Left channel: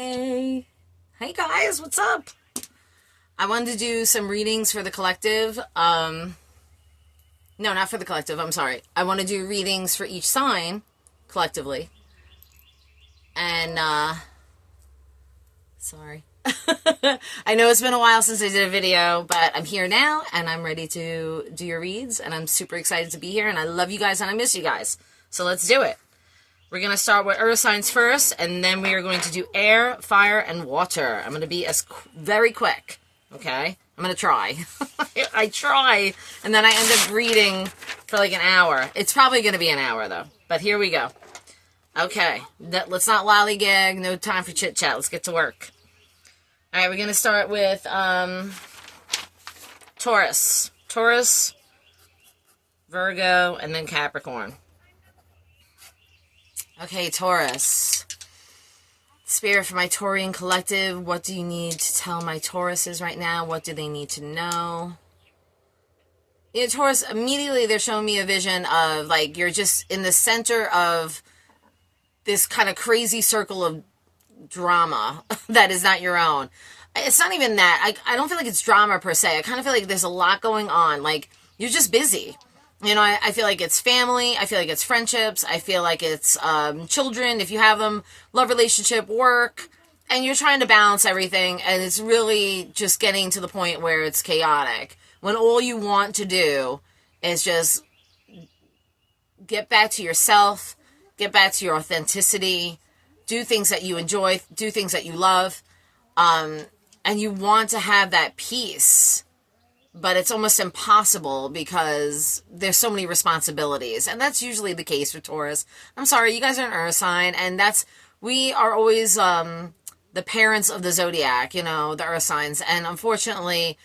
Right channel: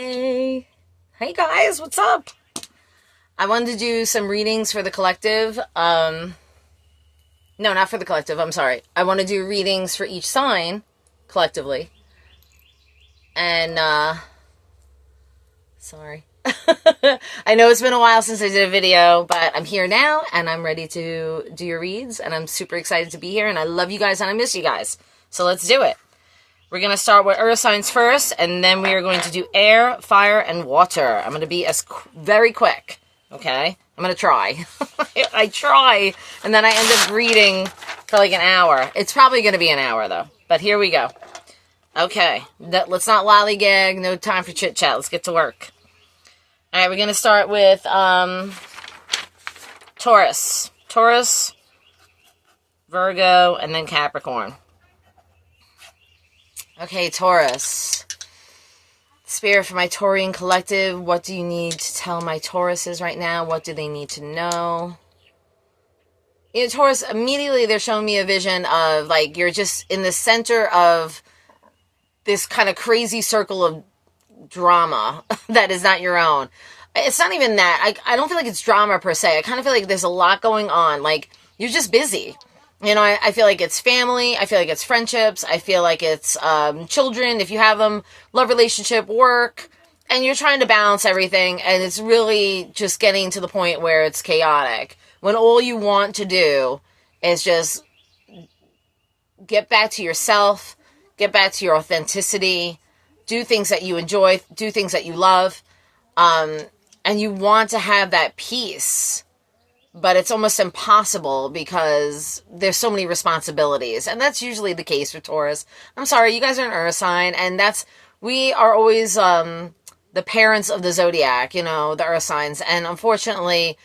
Hey guys, what's up? I wanted to do some readings for the collective. No, not for the collective, I'm sorry. I want to do readings for each sign collectively. And, sorry. I know it's been a while since I did a video, but I'm here now and I'm ready to do your reads and I'm super excited to be here and I love you guys and I miss you guys. So let's do it. We're going to start with earth signs first, and then we are going to do air, fire, and water. I'm going to be very quick, okay? I'm going to try. I try, and then I end up reading for like an hour. It's probably going to be an hour, though. But here we go. Okay, let's not lollygag. No time for chit-chat. Let's get to work. All right, we're going to start with Taurus. Taurus, Virgo, and then Capricorn. Okay, Taurus. Spirit for my Taurian collective, what do you need to tell my Tauruses right now? What do they need to know? You know, Taurus, immediately they're showing me a vision of, like, you're just in the center of this kind of crazy circle of drama that is not your own. It's not even that. I don't feel like it's drama per se. I kind of feel like there's a lot going on. Like, you're just busy. You know, I feel like it's family. I feel like it's friendships. I feel like it's children, if you have them, love relationship, work. And you're trying to balance everything. And it's really just getting to the point where it's chaotic. When all you want to do is just get back to yourself, get back to your authenticity, do things that you enjoy, do things that you love. And you want to have that peace. But it's almost impossible because there's so many responsibilities. And that's usually the case for Taurus. I'm sorry, you guys are an earth sign. And we are always the parents of the zodiac, you know, the earth signs. And unfortunately,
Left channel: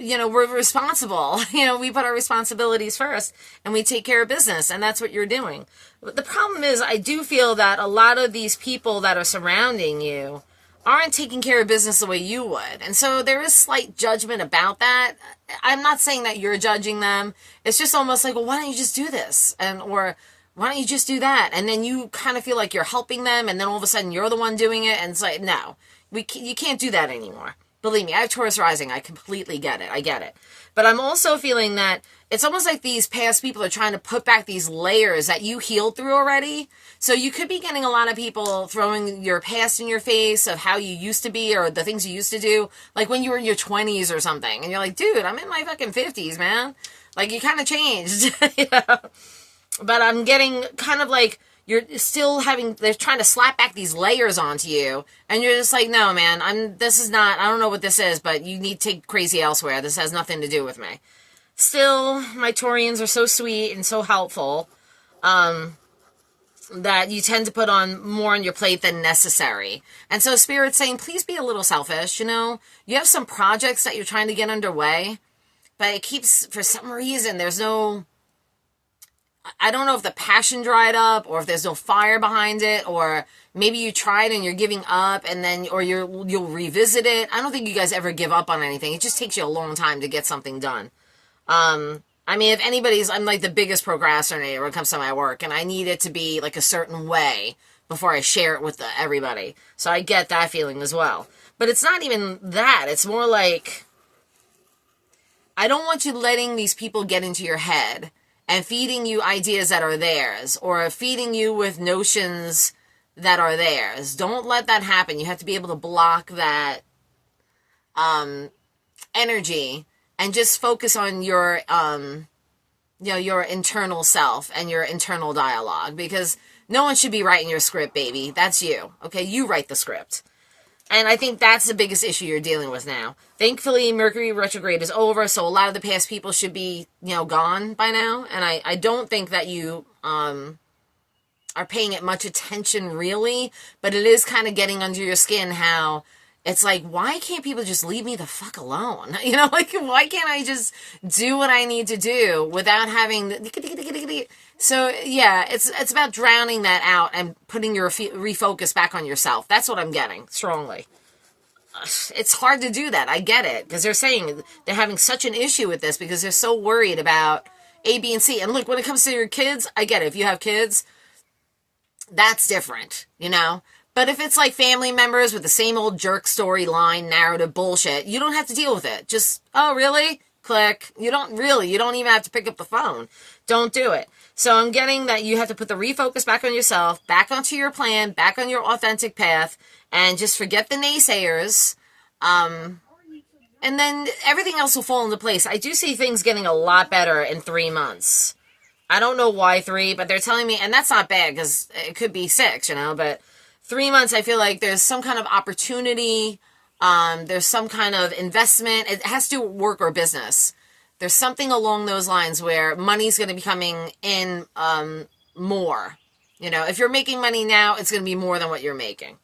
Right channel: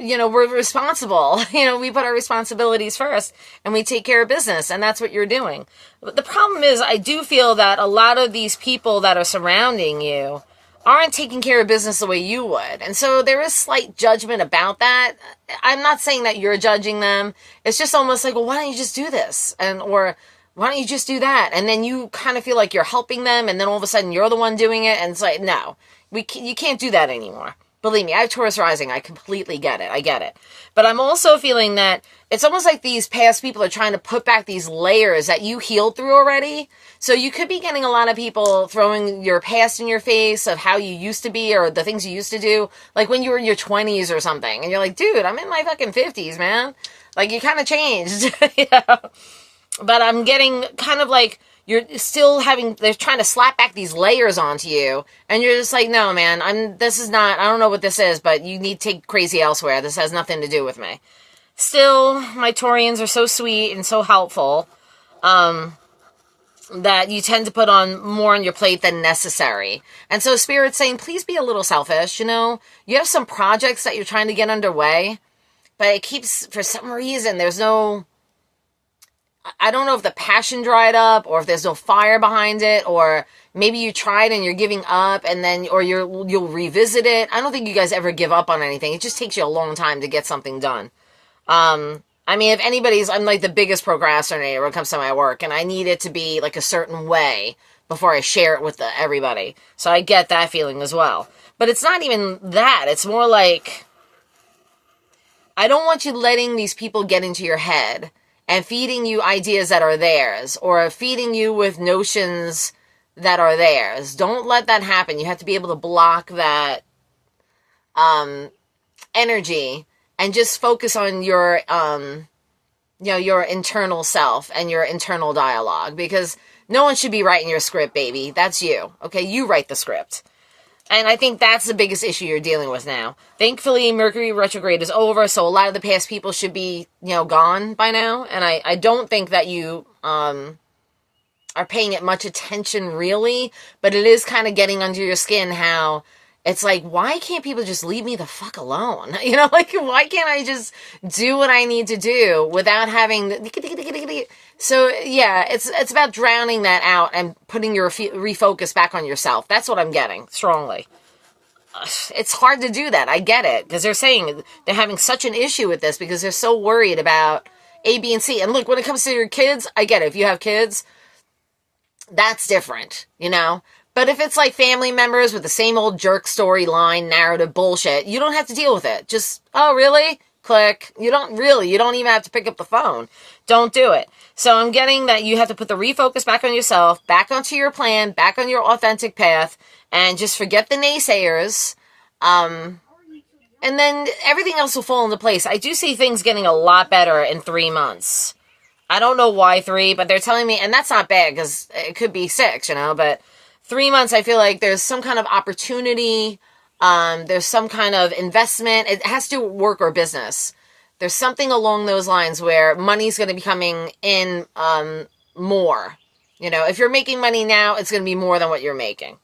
you know, we're responsible. You know, we put our responsibilities first and we take care of business. And that's what you're doing. But the problem is, I do feel that a lot of these people that are surrounding you aren't taking care of business the way you would. And so there is slight judgment about that. I'm not saying that you're judging them. It's just almost like, well, why don't you just do this? Or why don't you just do that? And then you kind of feel like you're helping them. And then all of a sudden you're the one doing it. And it's like, no, you can't do that anymore. Believe me, I have Taurus rising. I completely get it. I get it. But I'm also feeling that it's almost like these past people are trying to put back these layers that you healed through already. So you could be getting a lot of people throwing your past in your face of how you used to be or the things you used to do. Like when you were in your 20s or something. And you're like, dude, I'm in my fucking 50s, man. Like you kind of changed. You know? But I'm getting kind of like you're still they're trying to slap back these layers onto you. And you're just like, no, man, I don't know what this is, but you need to take crazy elsewhere. This has nothing to do with me. Still, my Taurians are so sweet and so helpful that you tend to put on more on your plate than necessary. And so Spirit's saying, please be a little selfish, you know? You have some projects that you're trying to get underway, but it keeps, for some reason, I don't know if the passion dried up or if there's no fire behind it, or maybe you tried and you're giving up and then, or you'll revisit it. I don't think you guys ever give up on anything. It just takes you a long time to get something done. I mean, I'm like the biggest procrastinator when it comes to my work, and I need it to be like a certain way before I share it with everybody. So I get that feeling as well. But it's not even that. It's more like, I don't want you letting these people get into your head and feeding you ideas that are theirs, or feeding you with notions that are theirs. Don't let that happen. You have to be able to block that energy and just focus on your your internal self and your internal dialogue, because no one should be writing your script, baby. That's you. Okay, you write the script. And I think that's the biggest issue you're dealing with now. Thankfully, Mercury retrograde is over, so a lot of the past people should be, gone by now. And I don't think that you are paying it much attention, really. But it is kind of getting under your skin how it's like, why can't people just leave me the fuck alone? You know, like, why can't I just do what I need to do without having... So, yeah, it's about drowning that out and putting your refocus back on yourself. That's what I'm getting, strongly. It's hard to do that. I get it, because they're saying they're having such an issue with this because they're so worried about A, B, and C. And look, when it comes to your kids, I get it. If you have kids, that's different, But if it's like family members with the same old jerk storyline, narrative bullshit, you don't have to deal with it. Just, oh, really? Click. You don't even have to pick up the phone. Don't do it. So I'm getting that you have to put the refocus back on yourself, back onto your plan, back on your authentic path, and just forget the naysayers. And then everything else will fall into place. I do see things getting a lot better in 3 months. I don't know why 3, but they're telling me, and that's not bad because it could be 6, but 3 months, I feel like there's some kind of opportunity. There's some kind of investment. It has to work or business. There's something along those lines where money's going to be coming in more. If you're making money now, it's going to be more than what you're making.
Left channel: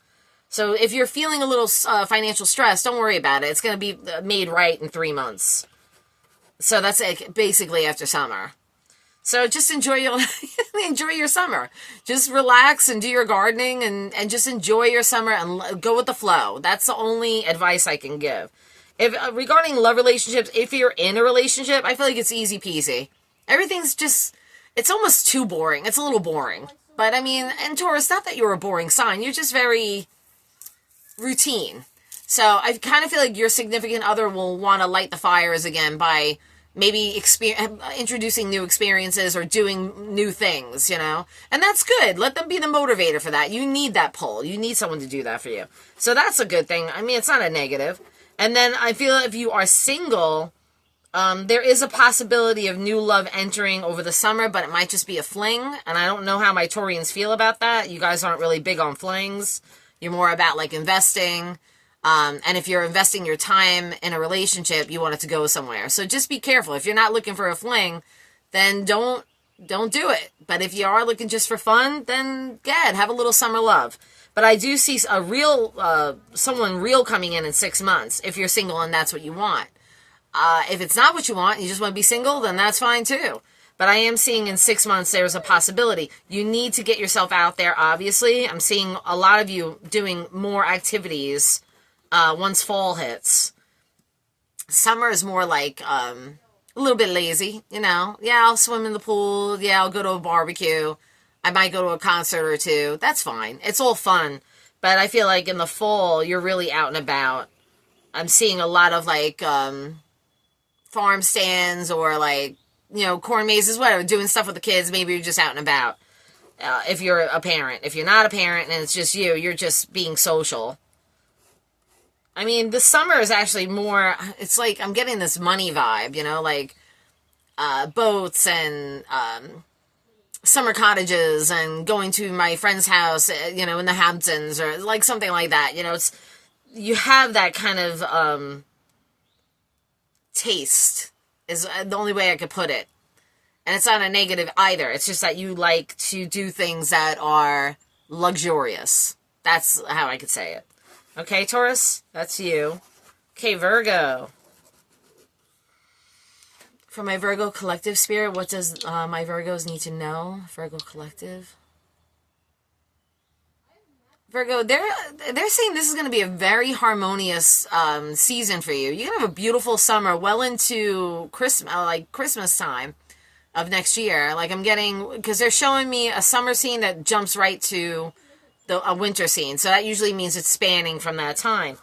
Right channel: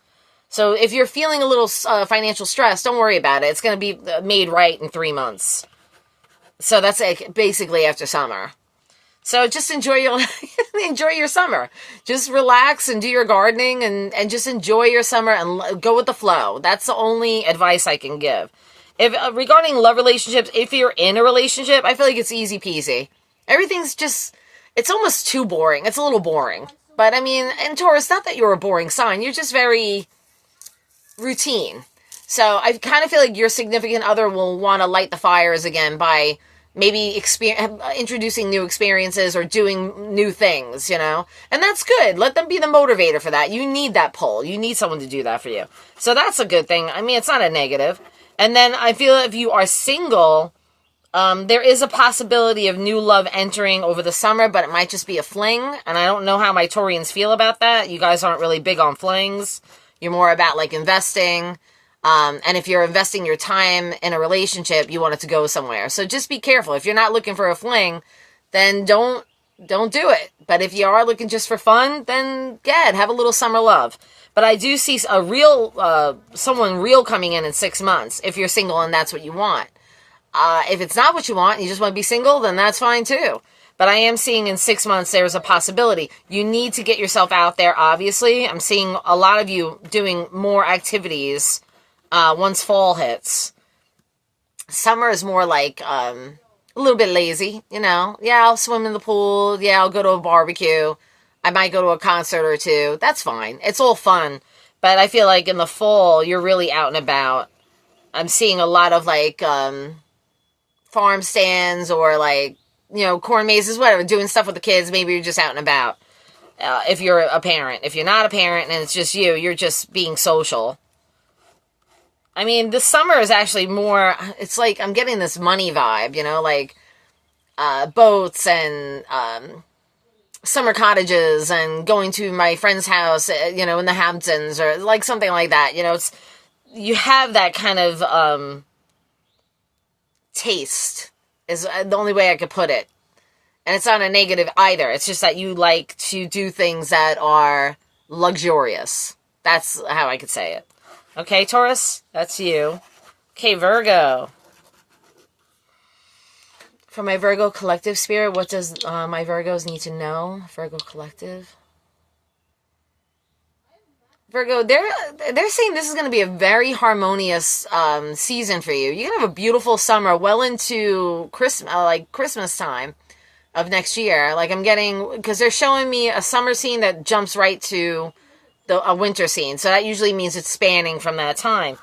So if you're feeling a little financial stress, don't worry about it. It's going to be made right in 3 months. So that's basically after summer. So just enjoy your summer. Just relax and do your gardening and just enjoy your summer and go with the flow. That's the only advice I can give. If regarding love relationships, if you're in a relationship, I feel like it's easy peasy. Everything's just, it's almost too boring. It's a little boring. But I mean, in Taurus, not that you're a boring sign. You're just very routine. So I kind of feel like your significant other will want to light the fires again by maybe introducing new experiences or doing new things, and that's good. Let them be the motivator for that. You need that pull. You need someone to do that for you. So that's a good thing. I mean, it's not a negative. And then I feel if you are single, there is a possibility of new love entering over the summer, but it might just be a fling. And I don't know how my Taurians feel about that. You guys aren't really big on flings. You're more about like investing. And if you're investing your time in a relationship, you want it to go somewhere. So just be careful. If you're not looking for a fling, then don't do it. But if you are looking just for fun, then have a little summer love. But I do see a real, someone real coming in 6 months if you're single and that's what you want. If it's not what you want and you just want to be single, then that's fine too. But I am seeing in 6 months there's a possibility. You need to get yourself out there, obviously. I'm seeing a lot of you doing more activities once fall hits. Summer is more like a little bit lazy, Yeah, I'll swim in the pool. Yeah, I'll go to a barbecue. I might go to a concert or two. That's fine. It's all fun. But I feel like in the fall, you're really out and about. I'm seeing a lot of like farm stands or like, corn mazes, whatever, doing stuff with the kids. Maybe you're just out and about. If you're a parent. If you're not a parent and it's just you're just being social. I mean, the summer is actually more, it's like I'm getting this money vibe, like boats and summer cottages and going to my friend's house, in the Hamptons or like something like that. You have that kind of taste is the only way I could put it. And it's not a negative either. It's just that you like to do things that are luxurious. That's how I could say it. Okay, Taurus, that's you. Okay, Virgo. For my Virgo collective spirit, what does my Virgos need to know? Virgo collective. Virgo, they're saying this is going to be a very harmonious season for you. You're going to have a beautiful summer well into Christmas time of next year. Like I'm getting, because they're showing me a summer scene that jumps right to a winter scene. So that usually means it's spanning from that time.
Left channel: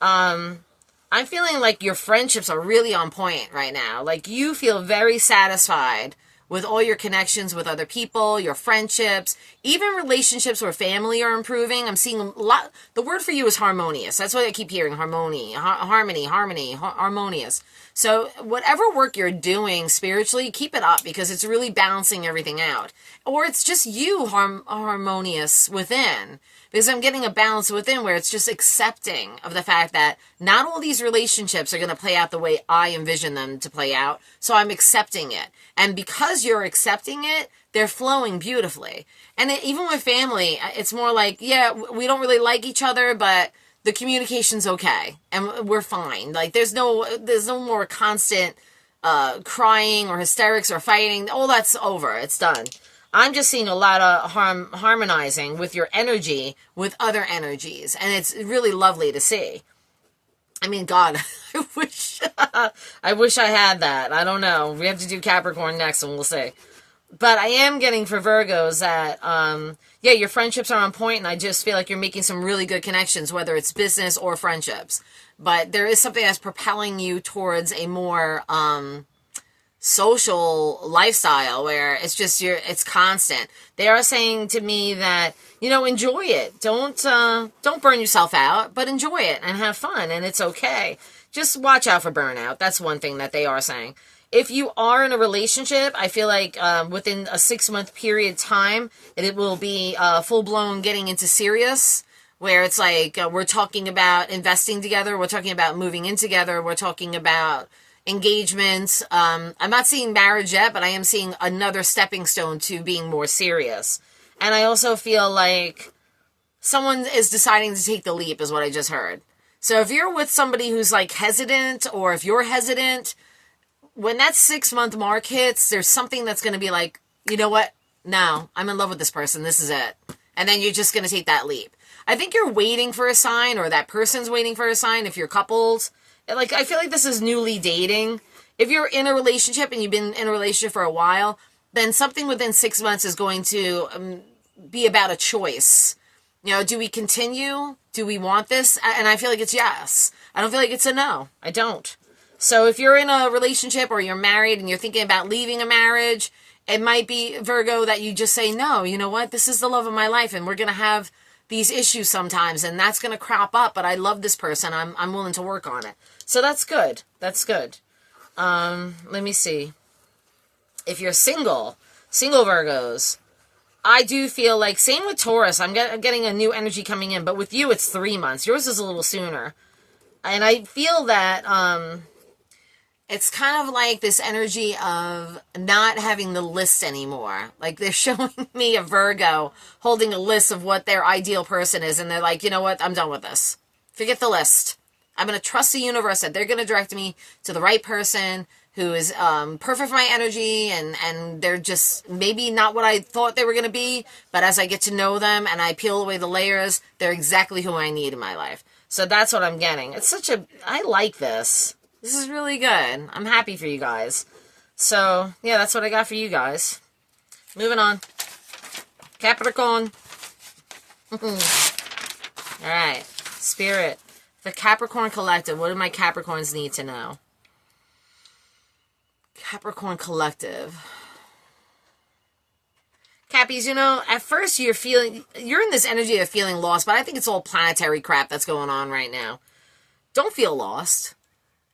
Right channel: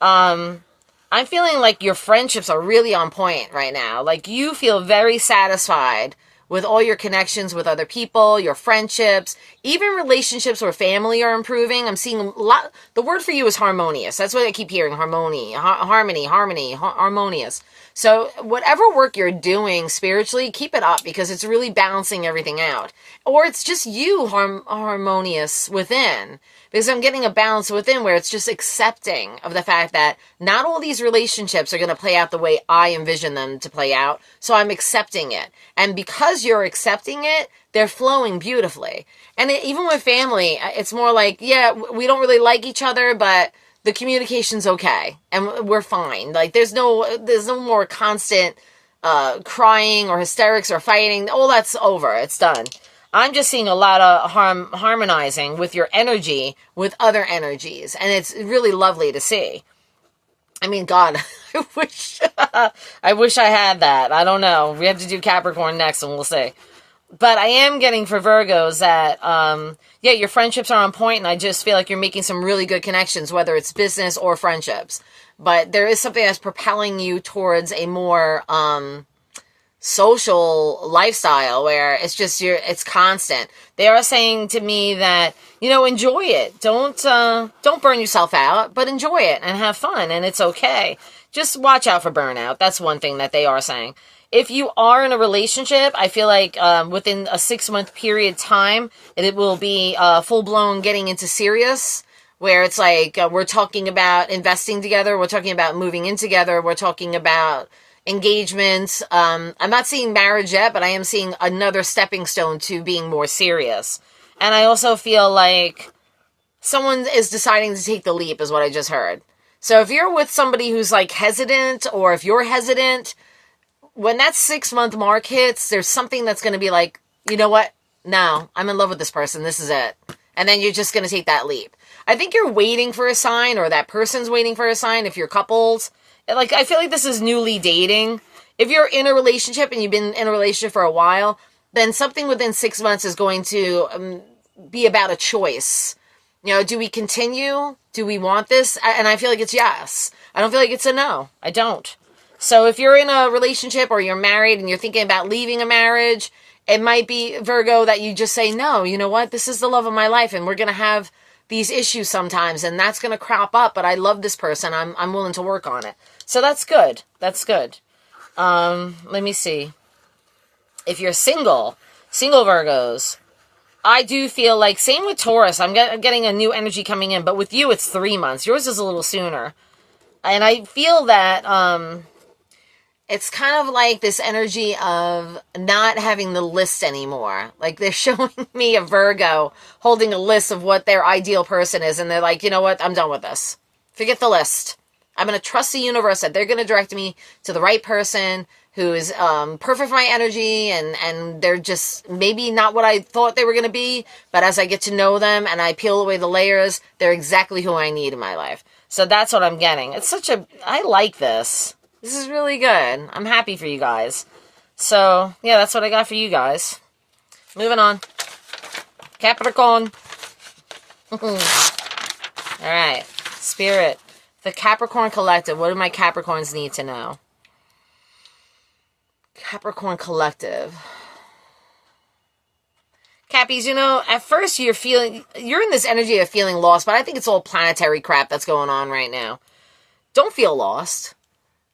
I'm feeling like your friendships are really on point right now. Like you feel very satisfied with all your connections with other people, your friendships, even relationships where family are improving. I'm seeing a lot. The word for you is harmonious. That's what I keep hearing. Harmony, harmonious. So whatever work you're doing spiritually, keep it up because it's really balancing everything out. Or it's just you harmonious within. Because I'm getting a balance within where it's just accepting of the fact that not all these relationships are going to play out the way I envision them to play out. So I'm accepting it. And because you're accepting it, they're flowing beautifully. And even with family, it's more like, yeah, we don't really like each other, but the communication's okay. And we're fine. Like there's no more constant crying or hysterics or fighting. All that's over. It's done. I'm just seeing a lot of harmonizing with your energy with other energies. And it's really lovely to see. I mean, God, I wish I had that. I don't know. We have to do Capricorn next and we'll see. But I am getting for Virgos that, yeah, your friendships are on point, and I just feel like you're making some really good connections, whether it's business or friendships. But there is something that's propelling you towards a more social lifestyle where it's just it's constant. They are saying to me that, enjoy it. Don't burn yourself out, but enjoy it and have fun, and it's okay. Just watch out for burnout. That's one thing that they are saying. If you are in a relationship, I feel like within a 6-month period time, it will be full-blown getting into serious, where it's like we're talking about investing together, we're talking about moving in together, we're talking about engagements. I'm not seeing marriage yet, but I am seeing another stepping stone to being more serious. And I also feel like someone is deciding to take the leap, is what I just heard. So if you're with somebody who's like hesitant, or if you're hesitant, when that 6-month mark hits, there's something that's going to be like, you know what? No, I'm in love with this person. This is it. And then you're just going to take that leap. I think you're waiting for a sign, or that person's waiting for a sign if you're couples. Like, I feel like this is newly dating. If you're in a relationship and you've been in a relationship for a while, then something within 6 months is going to be about a choice. Do we continue? Do we want this? And I feel like it's yes. I don't feel like it's a no. I don't. So if you're in a relationship or you're married and you're thinking about leaving a marriage, it might be, Virgo, that you just say, no, you know what? This is the love of my life, and we're going to have these issues sometimes, and that's going to crop up, but I love this person. I'm willing to work on it. So that's good. That's good. Let me see. If you're single Virgos, I do feel like, same with Taurus, I'm getting a new energy coming in, but with you, it's 3 months. Yours is a little sooner. And I feel that it's kind of like this energy of not having the list anymore. Like, they're showing me a Virgo holding a list of what their ideal person is, and they're like, you know what, I'm done with this. Forget the list. I'm going to trust the universe that they're going to direct me to the right person who is perfect for my energy, and they're just maybe not what I thought they were going to be, but as I get to know them and I peel away the layers, they're exactly who I need in my life. So that's what I'm getting. I like this. This is really good. I'm happy for you guys. So, yeah, that's what I got for you guys. Moving on. Capricorn. All right. Spirit. The Capricorn Collective. What do my Capricorns need to know? Capricorn Collective. Cappies, at first you're in this energy of feeling lost, but I think it's all planetary crap that's going on right now. Don't feel lost.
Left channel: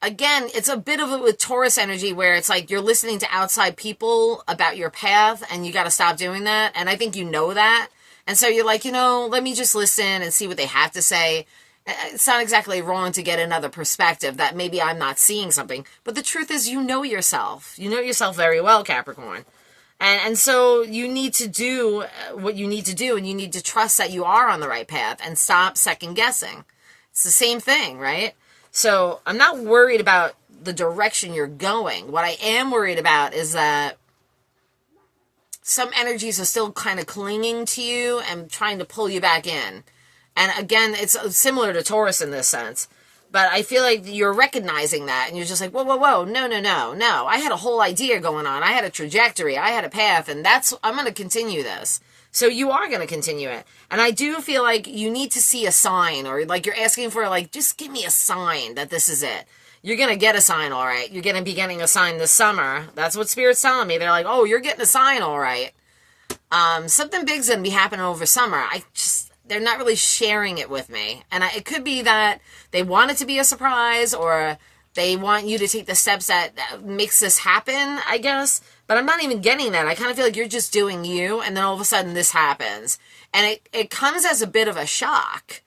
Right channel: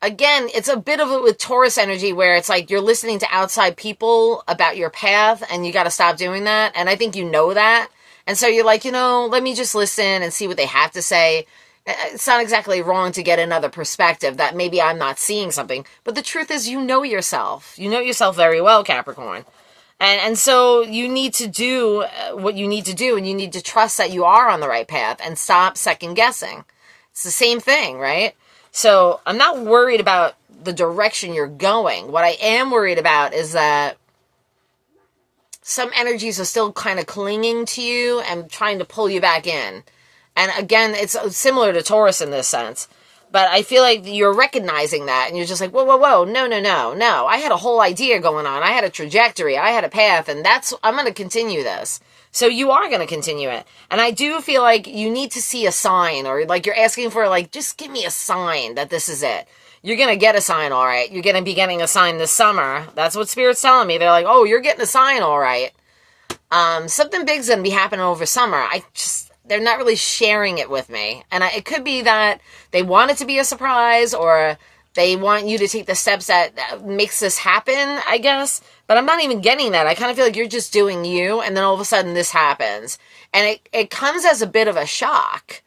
Again, it's a bit of it with Taurus energy, where it's like you're listening to outside people about your path, and you got to stop doing that. And I think you know that. And so you're like, let me just listen and see what they have to say. It's not exactly wrong to get another perspective that maybe I'm not seeing something. But the truth is, you know yourself. You know yourself very well, Capricorn. And so you need to do what you need to do, and you need to trust that you are on the right path and stop second guessing. It's the same thing, right? So I'm not worried about the direction you're going. What I am worried about is that some energies are still kind of clinging to you and trying to pull you back in. And again, it's similar to Taurus in this sense. But I feel like you're recognizing that, and you're just like, whoa, no. I had a whole idea going on. I had a trajectory. I had a path, and I'm going to continue this. So you are going to continue it. And I do feel like you need to see a sign, or like you're asking for, like, just give me a sign that this is it. You're going to get a sign, all right. You're going to be getting a sign this summer. That's what Spirit's telling me. They're like, oh, you're getting a sign, all right. Something big's going to be happening over summer. They're not really sharing it with me. And it could be that they want it to be a surprise, or they want you to take the steps that makes this happen, I guess. But I'm not even getting that. I kind of feel like you're just doing you, and then all of a sudden this happens. And it comes as a bit of a shock.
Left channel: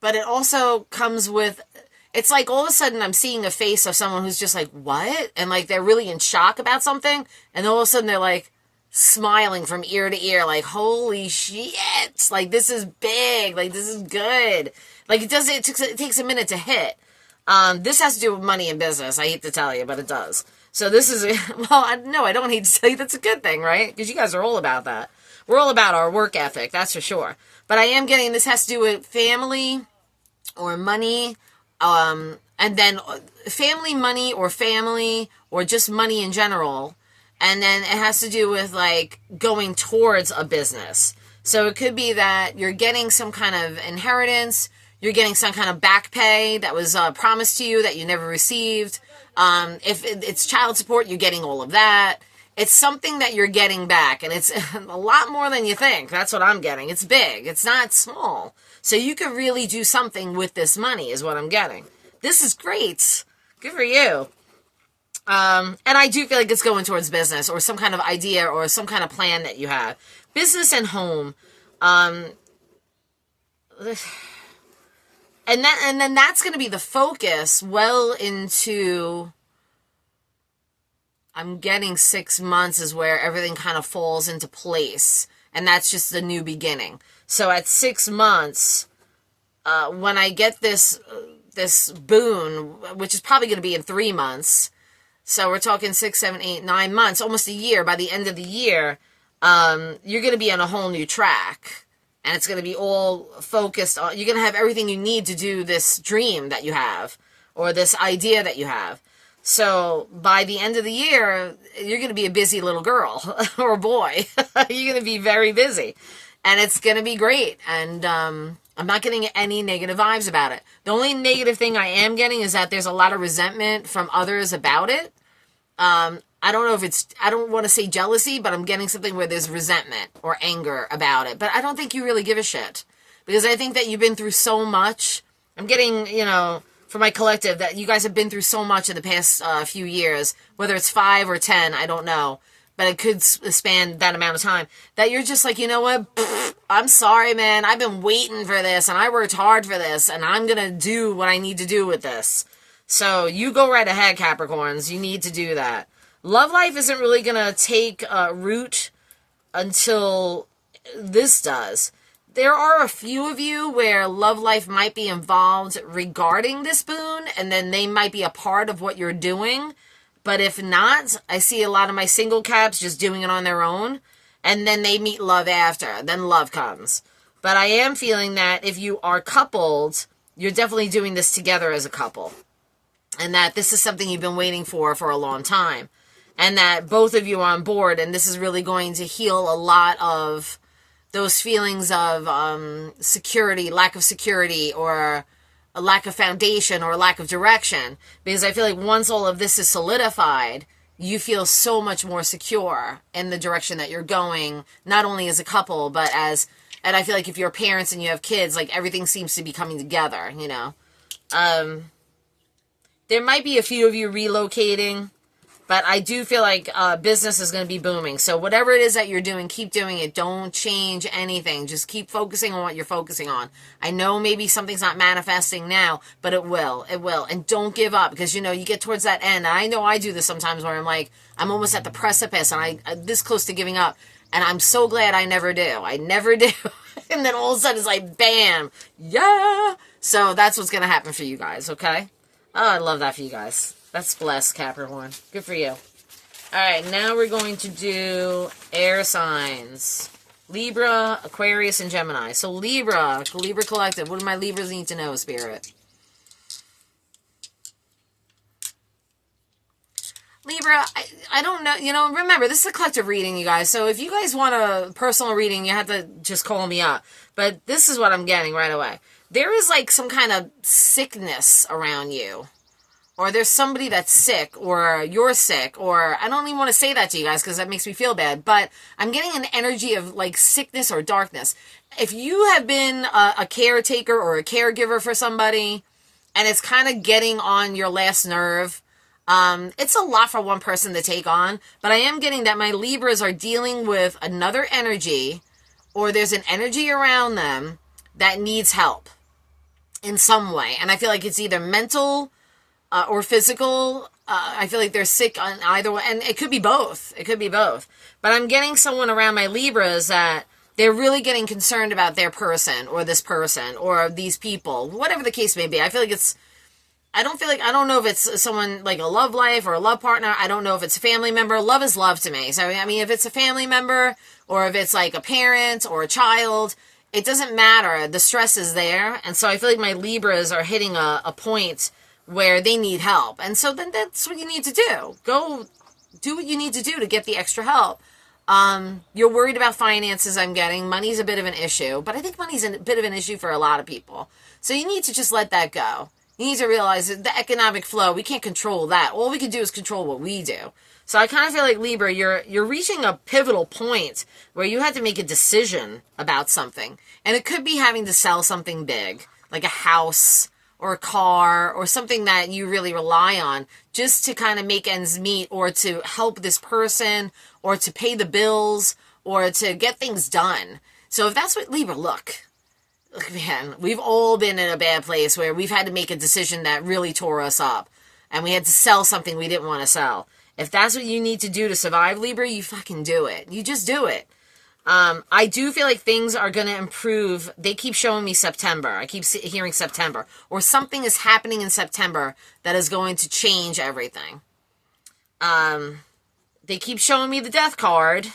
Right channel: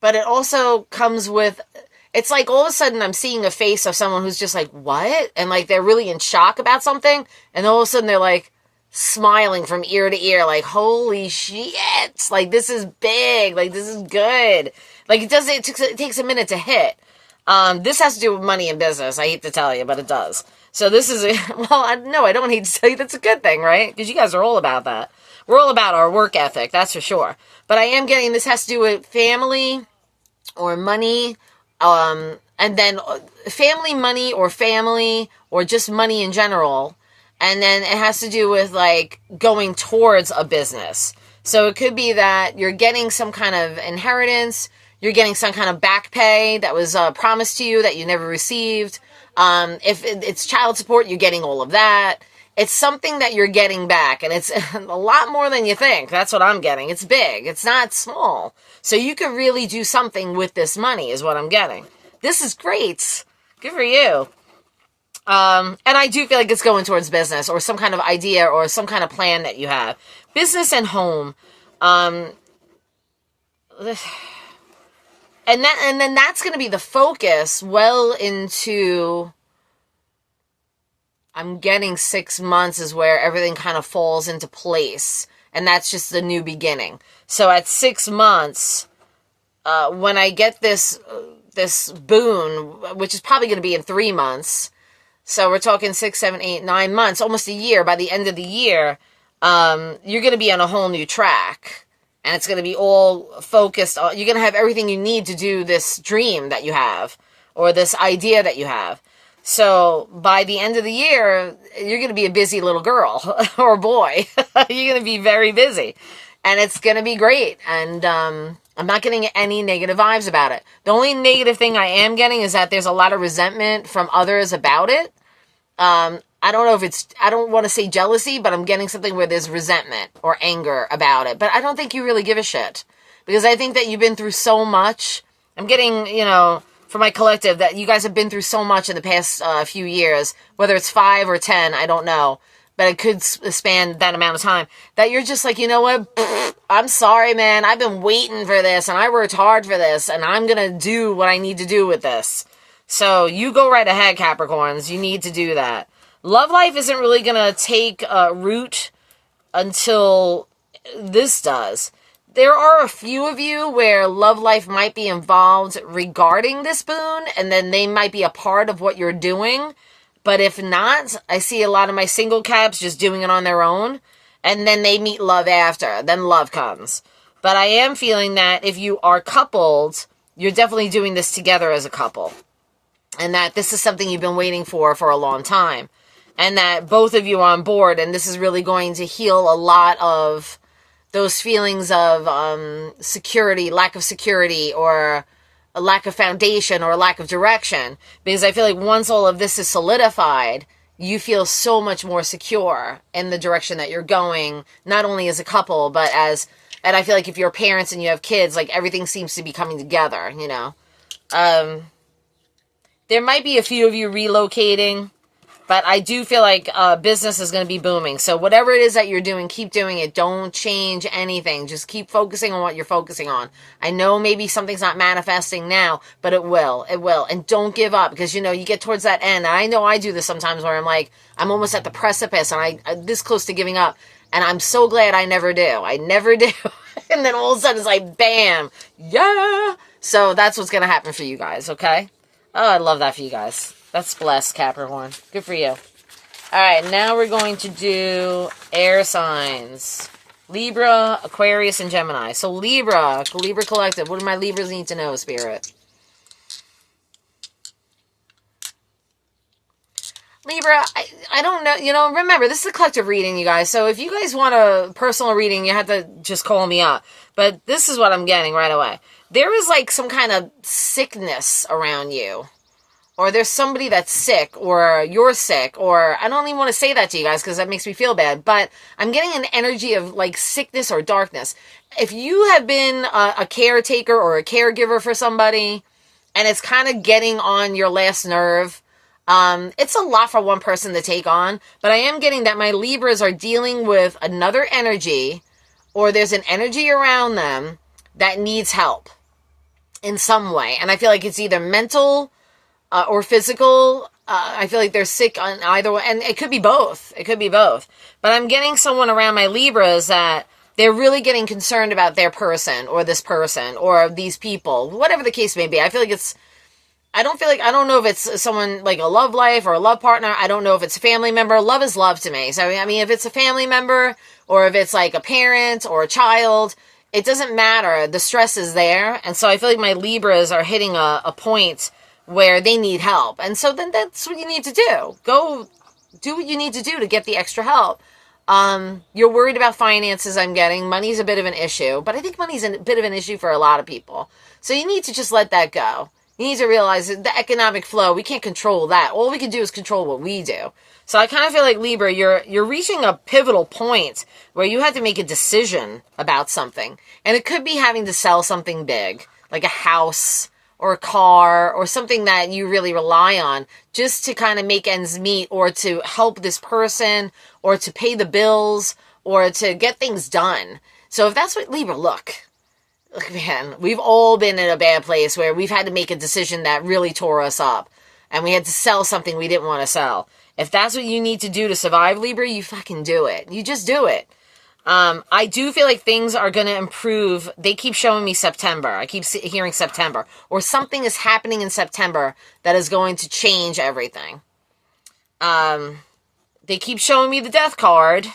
But it also comes with, it's like all of a sudden I'm seeing a face of someone who's just like, what? And like they're really in shock about something. And all of a sudden they're like, smiling from ear to ear, like, holy shit, like, this is big, like, this is good. Like, it takes a minute to hit. This has to do with money and business. I hate to tell you, but it does. So this is, no, I don't hate to tell you that's a good thing, right? Because you guys are all about that. We're all about our work ethic, that's for sure. But I am getting, this has to do with family or money, and then family, money, or just money in general. And then it has to do with like going towards a business. So it could be that you're getting some kind of inheritance, you're getting some kind of back pay that was promised to you that you never received. If it's child support, you're getting all of that. It's something that you're getting back, and it's a lot more than you think. That's what I'm getting. It's big. It's not small. So you could really do something with this money is what I'm getting. This is great. Good for you. And I do feel like it's going towards business or some kind of idea or some kind of plan that you have. Business and home. And then that's going to be the focus well into, I'm getting 6 months is where everything kind of falls into place. And that's just the new beginning. So at 6 months, when I get this boon, which is probably going to be in 3 months, so we're talking 6, 7, 8, 9 months, almost a year. By the end of the year, you're going to be on a whole new track. And it's going to be all focused on, you're going to have everything you need to do this dream that you have, or this idea that you have. So by the end of the year, you're going to be a busy little girl or boy. You're going to be very busy. And it's going to be great. And I'm not getting any negative vibes about it. The only negative thing I am getting is that there's a lot of resentment from others about it. I don't know if it's, I don't want to say jealousy, but I'm getting something where there's resentment or anger about it. But I don't think you really give a shit. Because I think that you've been through so much. I'm getting, for my collective, that you guys have been through so much in the past few years. Whether it's 5 or 10, I don't know. But it could span that amount of time. That you're just like, you know what? I'm sorry, man. I've been waiting for this. And I worked hard for this. And I'm going to do what I need to do with this. So you go right ahead, Capricorns. You need to do that. Love life isn't really going to take root until this does. There are a few of you where love life might be involved regarding this boon, and then they might be a part of what you're doing. But if not, I see a lot of my single caps just doing it on their own, and then they meet love after. Then love comes. But I am feeling that if you are coupled, you're definitely doing this together as a couple. And that this is something you've been waiting for a long time. And that both of you are on board, and this is really going to heal a lot of those feelings of security, lack of security, or a lack of foundation, or a lack of direction. Because I feel like once all of this is solidified, you feel so much more secure in the direction that you're going, not only as a couple, but as, and I feel like if you're parents and you have kids, like everything seems to be coming together, There might be a few of you relocating. But I do feel like business is going to be booming. So whatever it is that you're doing, keep doing it. Don't change anything. Just keep focusing on what you're focusing on. I know maybe something's not manifesting now, but it will. It will. And don't give up because, you get towards that end. And I know I do this sometimes where I'm like, I'm almost at the precipice and I'm this close to giving up. And I'm so glad I never do. I never do. And then all of a sudden it's like, bam. Yeah. So that's what's going to happen for you guys, okay? Oh, I love that for you guys. That's blessed, Capricorn. Good for you. All right, now we're going to do air signs. Libra, Aquarius, and Gemini. So Libra Collective. What do my Libras need to know, Spirit? Libra, I don't know. Remember, this is a collective reading, you guys. So if you guys want a personal reading, you have to just call me up. But this is what I'm getting right away. There is like some kind of sickness around you. Or there's somebody that's sick, or you're sick, or I don't even want to say that to you guys because that makes me feel bad, but I'm getting an energy of like sickness or darkness. If you have been a caretaker or a caregiver for somebody and it's kind of getting on your last nerve, it's a lot for one person to take on, but I am getting that my Libras are dealing with another energy, or there's an energy around them that needs help in some way. And I feel like it's either mental or physical. I feel like they're sick on either one. And it could be both. It could be both. But I'm getting someone around my Libras that they're really getting concerned about their person or this person or these people, whatever the case may be. I feel like I don't know if it's someone like a love life or a love partner. I don't know if it's a family member. Love is love to me. So, I mean, if it's a family member or if it's like a parent or a child, it doesn't matter. The stress is there. And so I feel like my Libras are hitting a point where they need help. And so then that's what you need to do. Go do what you need to do to get the extra help. You're worried about finances, I'm getting. Money's a bit of an issue, but I think money's a bit of an issue for a lot of people. So you need to just let that go. You need to realize that the economic flow, we can't control that. All we can do is control what we do. So I kind of feel like, Libra, you're reaching a pivotal point where you have to make a decision about something. And it could be having to sell something big, like a house or a car or something that you really rely on just to kind of make ends meet, or to help this person, or to pay the bills, or to get things done. So if that's what, Libra, look, man, we've all been in a bad place where we've had to make a decision that really tore us up, and we had to sell something we didn't want to sell. If that's what you need to do to survive, Libra, you fucking do it. You just do it. I do feel like things are going to improve. They keep showing me September. I keep hearing September. Or something is happening in September that is going to change everything. They keep showing me the death card.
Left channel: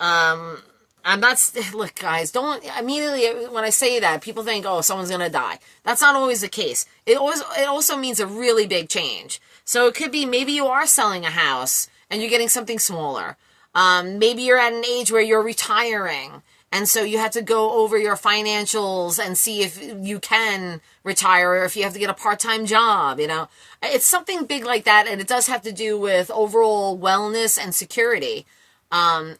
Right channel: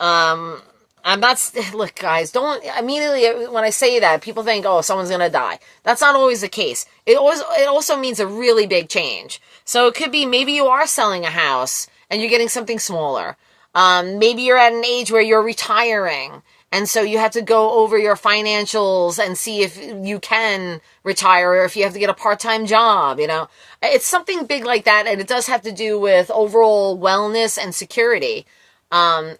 I'm not... Look, guys, don't... Immediately, when I say that, people think, oh, someone's going to die. That's not always the case. It also means a really big change. So it could be maybe you are selling a house and you're getting something smaller. Maybe you're at an age where you're retiring, and so you have to go over your financials and see if you can retire, or if you have to get a part-time job, you know. It's something big like that, and it does have to do with overall wellness and security, and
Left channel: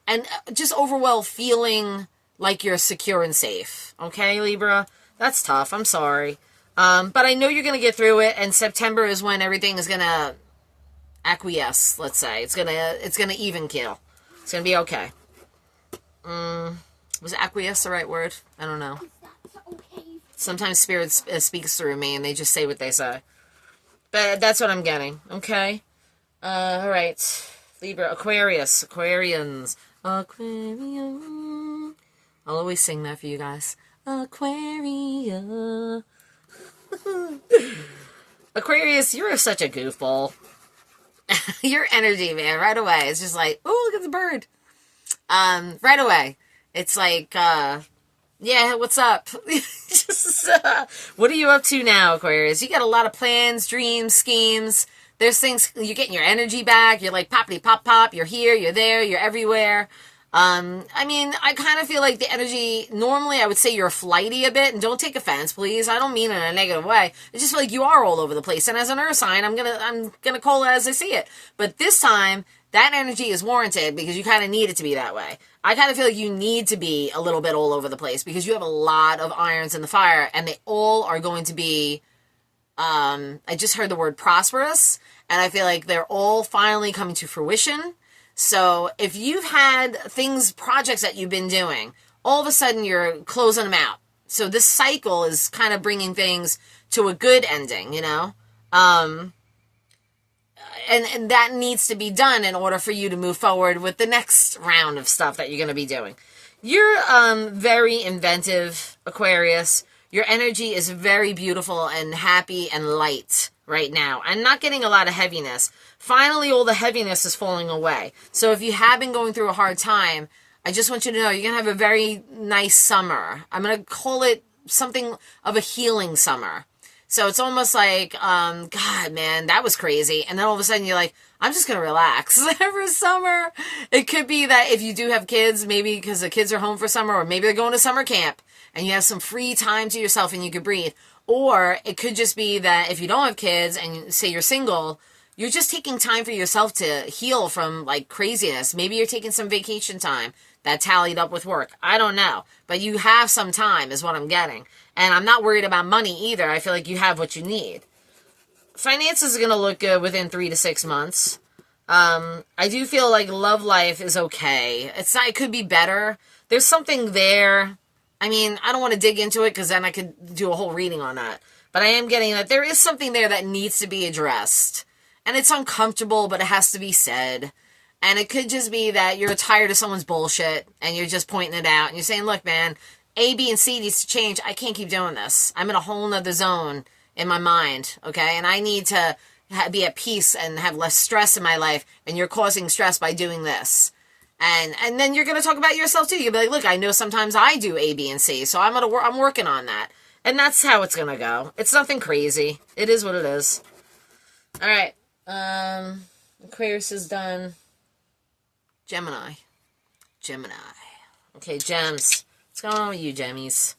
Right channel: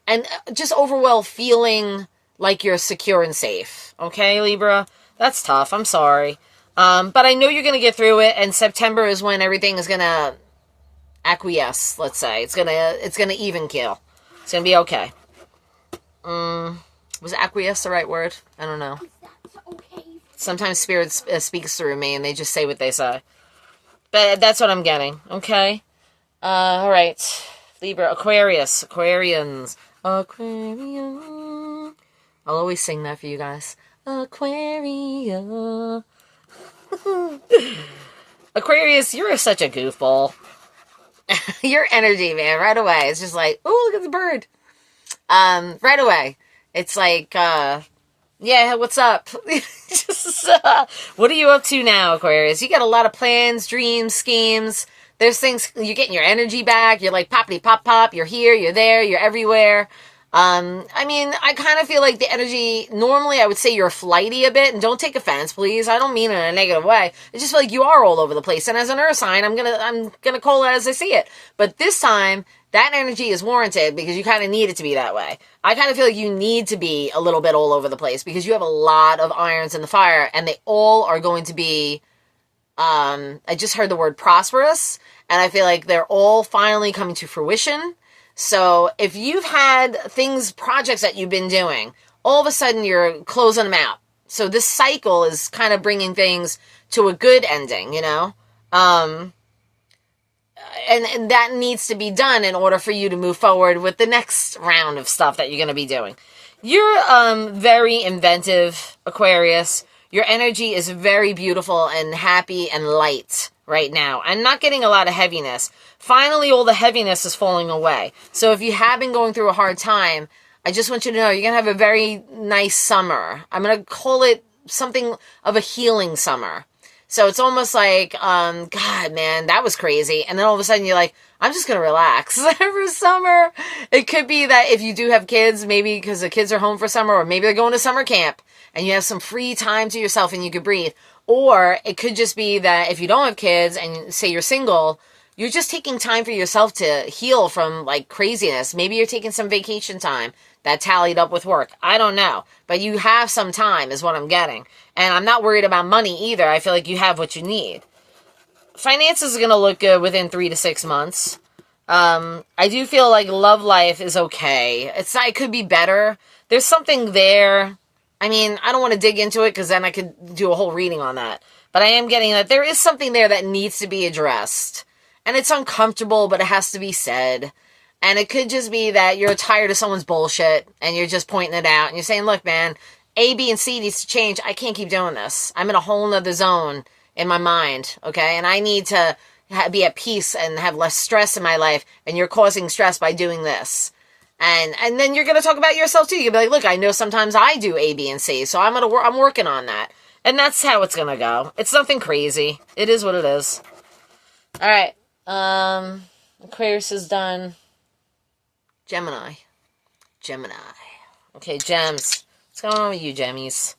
just overall feeling like you're secure and safe. Okay, Libra? That's tough. I'm sorry. But I know you're going to get through it, and September is when everything is going to acquiesce, let's say. It's going to even keel. It's going to be okay. Was acquiesce the right word? I don't know. Okay. Sometimes Spirit speaks through me and they just say what they say. But that's what I'm getting. Okay? All right. Libra, Aquarius. Aquarians. Aquarium. I'll always sing that for you guys. Aquarium. Aquarius, you're such a goofball. Your energy, man, right away. It's just like, oh, look at the bird. Right away. It's like, yeah, what's up? What are you up to now, Aquarius? You got a lot of plans, dreams, schemes. There's things, you're getting your energy back. You're like poppity pop pop. You're here, you're there, you're everywhere. I mean, I kind of feel like the energy, normally I would say you're flighty a bit, and don't take offense, please. I don't mean it in a negative way. It's just like you are all over the place. And as an earth sign, I'm gonna call it as I see it. But this time, that energy is warranted because you kind of need it to be that way. I kind of feel like you need to be a little bit all over the place because you have a lot of irons in the fire, and they all are going to be, I just heard the word prosperous, and I feel like they're all finally coming to fruition. So if you've had projects that you've been doing, all of a sudden you're closing them out. So this cycle is kind of bringing things to a good ending, you know? And that needs to be done in order for you to move forward with the next round of stuff that you're going to be doing. You're very inventive, Aquarius. Your energy is very beautiful and happy and light right now. I'm not getting a lot of heaviness. Finally, all the heaviness is falling away. So if you have been going through a hard time, I just want you to know you're going to have a very nice summer. I'm going to call it something of a healing summer. So it's almost like, God, man, that was crazy. And then all of a sudden you're like, I'm just going to relax for summer. It could be that if you do have kids, maybe because the kids are home for summer, or maybe they're going to summer camp and you have some free time to yourself and you could breathe. Or it could just be that if you don't have kids and say you're single, you're just taking time for yourself to heal from like craziness. Maybe you're taking some vacation time that tallied up with work. I don't know. But you have some time is what I'm getting. And I'm not worried about money either. I feel like you have what you need. Finances are going to look good within 3 to 6 months. I do feel like love life is okay. It could be better. There's something there. I mean, I don't want to dig into it because then I could do a whole reading on that. But I am getting that there is something there that needs to be addressed. And it's uncomfortable, but it has to be said. And it could just be that you're tired of someone's bullshit and you're just pointing it out. And you're saying, look, man, A, B, and C needs to change. I can't keep doing this. I'm in a whole nother zone in my mind, okay? And I need to be at peace and have less stress in my life. And you're causing stress by doing this. And then you're going to talk about yourself too. You'll be like, look, I know sometimes I do A, B, and C. So I'm working on that. And that's how it's going to go. It's nothing crazy. It is what it is. All right. Aquarius is done. Gemini. Okay, gems. What's going on with you, Gemmies?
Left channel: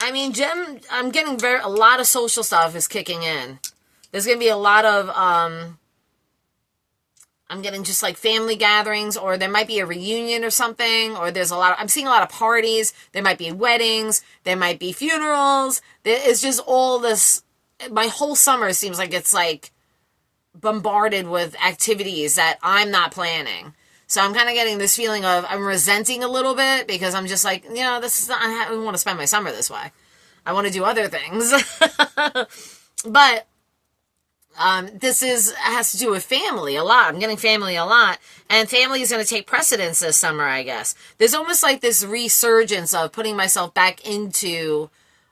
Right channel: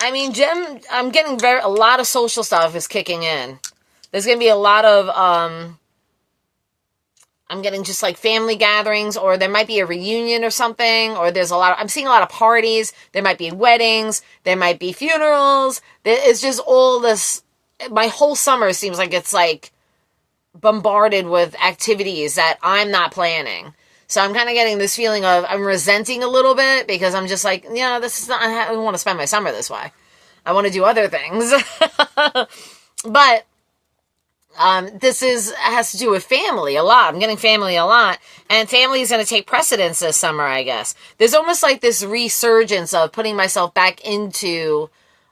I mean, I'm getting a lot of social stuff is kicking in. There's going to be a lot of, I'm getting just like family gatherings, or there might be a reunion or something, or I'm seeing a lot of parties. There might be weddings. There might be funerals. It's just all this, my whole summer seems like it's like bombarded with activities that I'm not planning. So I'm kind of getting this feeling of I'm resenting a little bit because I'm just like, this is not, I don't want to spend my summer this way. I want to do other things. But this has to do with family a lot. I'm getting family a lot. And family is going to take precedence this summer, I guess. There's almost like this resurgence of putting myself back into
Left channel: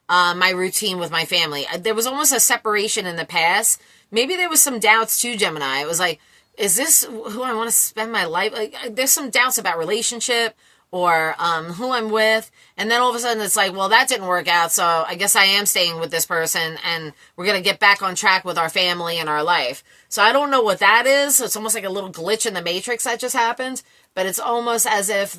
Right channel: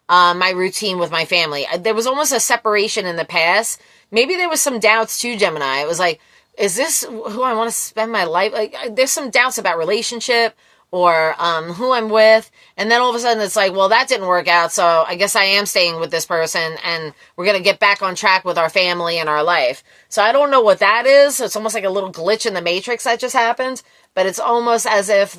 my routine with my family. There was almost a separation in the past. Maybe there was some doubts too, Gemini. It was like, is this who I want to spend my life? Like, there's some doubts about relationship or who I'm with. And then all of a sudden it's like, well, that didn't work out. So I guess I am staying with this person and we're going to get back on track with our family and our life. So I don't know what that is. It's almost like a little glitch in the matrix that just happened. But it's almost as if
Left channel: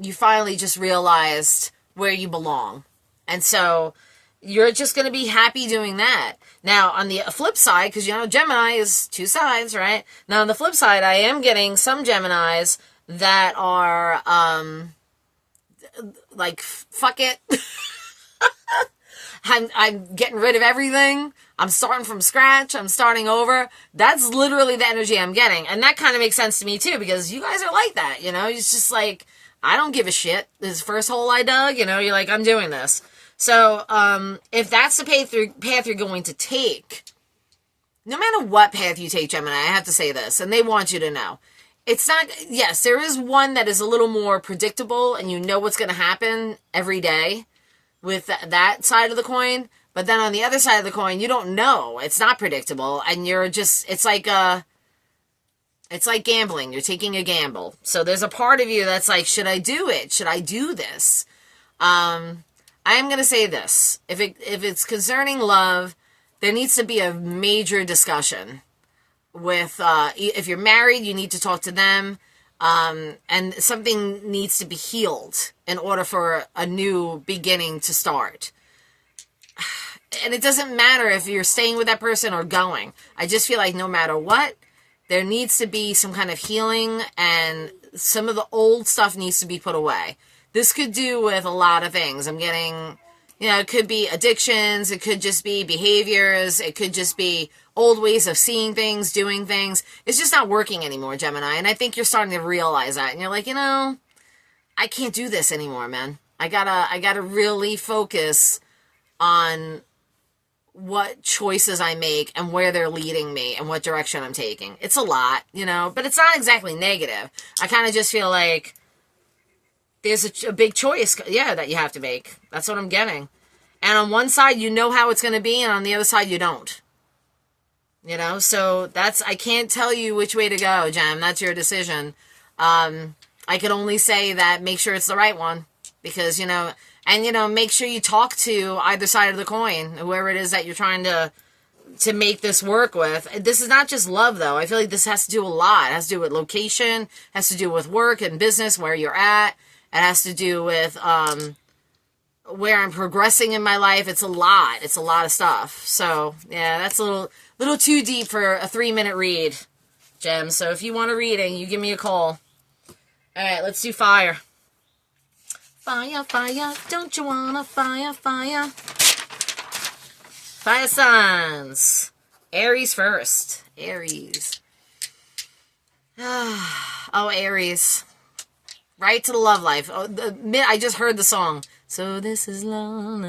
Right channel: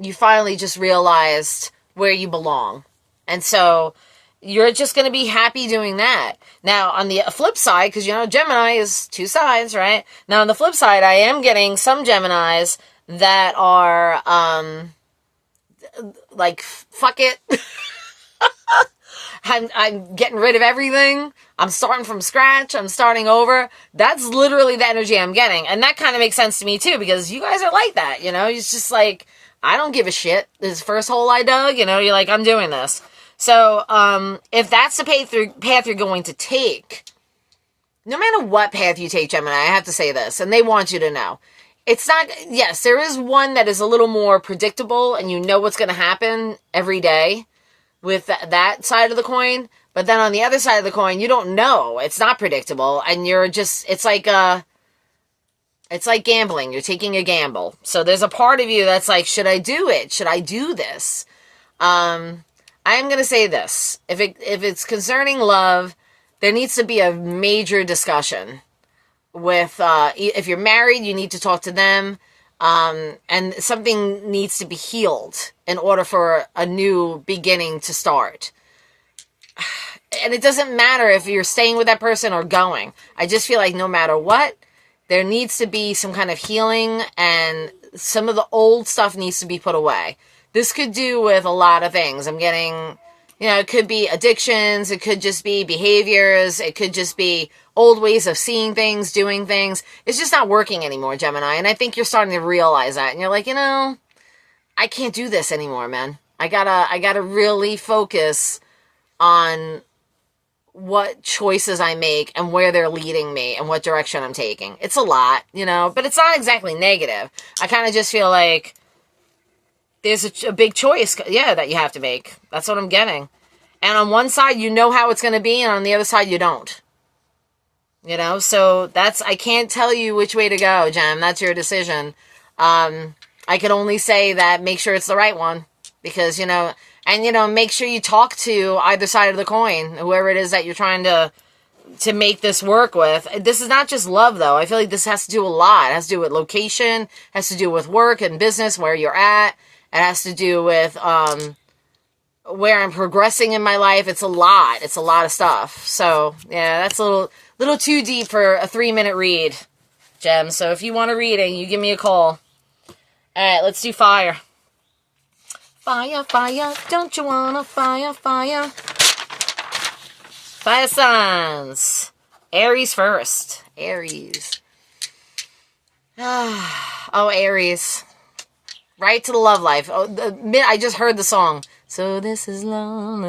you finally just realized where you belong. And so you're just going to be happy doing that. Now, on the flip side, because, Gemini is two sides, right? Now, on the flip side, I am getting some Geminis that are, like, fuck it. I'm getting rid of everything. I'm starting from scratch. I'm starting over. That's literally the energy I'm getting. And that kind of makes sense to me, too, because you guys are like that, It's just like, I don't give a shit. This first hole I dug, you're like, I'm doing this. So, if that's the path you're going to take, no matter what path you take, Gemini, I have to say this, and they want you to know. It's not, yes, there is one that is a little more predictable, and you know what's going to happen every day with that side of the coin. But then on the other side of the coin, you don't know. It's not predictable, and it's like gambling. You're taking a gamble. So there's a part of you that's like, should I do it? Should I do this? I'm going to say this. If it's concerning love, there needs to be a major discussion with, if you're married, you need to talk to them, and something needs to be healed in order for a new beginning to start. And it doesn't matter if you're staying with that person or going. I just feel like no matter what, there needs to be some kind of healing, and some of the old stuff needs to be put away. This could do with a lot of things. I'm getting, it could be addictions. It could just be behaviors. It could just be old ways of seeing things, doing things. It's just not working anymore, Gemini. And I think you're starting to realize that. And you're like, I can't do this anymore, man. I gotta really focus on what choices I make and where they're leading me and what direction I'm taking. It's a lot, but it's not exactly negative. I kind of just feel like there's a big choice, that you have to make. That's what I'm getting. And on one side, you know how it's going to be, and on the other side, you don't. So I can't tell you which way to go, Gem. That's your decision. I can only say that make sure it's the right one. Because, make sure you talk to either side of the coin, whoever it is that you're trying to make this work with. This is not just love, though. I feel like this has to do a lot. It has to do with location, has to do with work and business, where you're at. It has to do with where I'm progressing in my life. It's a lot. It's a lot of stuff. So, yeah, that's a little too deep for a 3-minute read, Gem. So if you want a reading, you give me a call. All right, let's do fire. Fire, fire, don't you wanna fire, fire? Fire signs. Aries first. Aries. Oh, Aries. Right to the love life. Oh, I just heard the song. So this is love.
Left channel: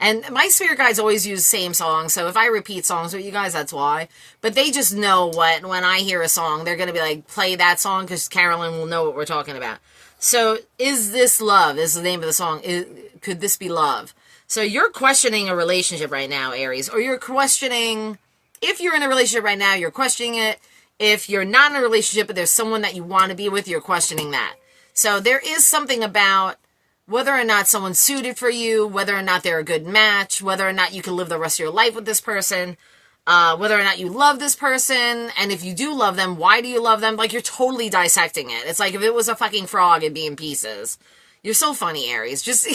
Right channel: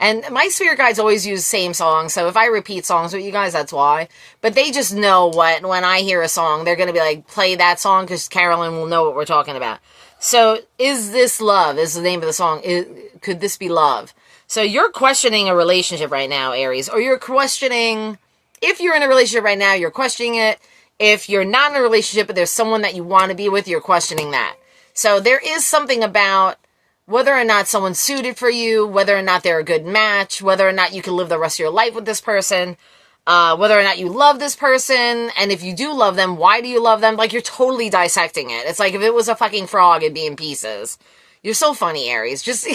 And my spirit guides always use the same song. So if I repeat songs with you guys, that's why. But they just know when I hear a song, they're going to be like, play that song because Carolyn will know what we're talking about. So is this love is the name of the song. Could this be love? So you're questioning a relationship right now, Aries. Or you're questioning, if you're in a relationship right now, you're questioning it. If you're not in a relationship, but there's someone that you want to be with, you're questioning that. So there is something about whether or not someone's suited for you, whether or not they're a good match, whether or not you can live the rest of your life with this person, whether or not you love this person, and if you do love them, why do you love them? Like, you're totally dissecting it. It's like if it was a fucking frog, it'd be in pieces. You're so funny, Aries. Just,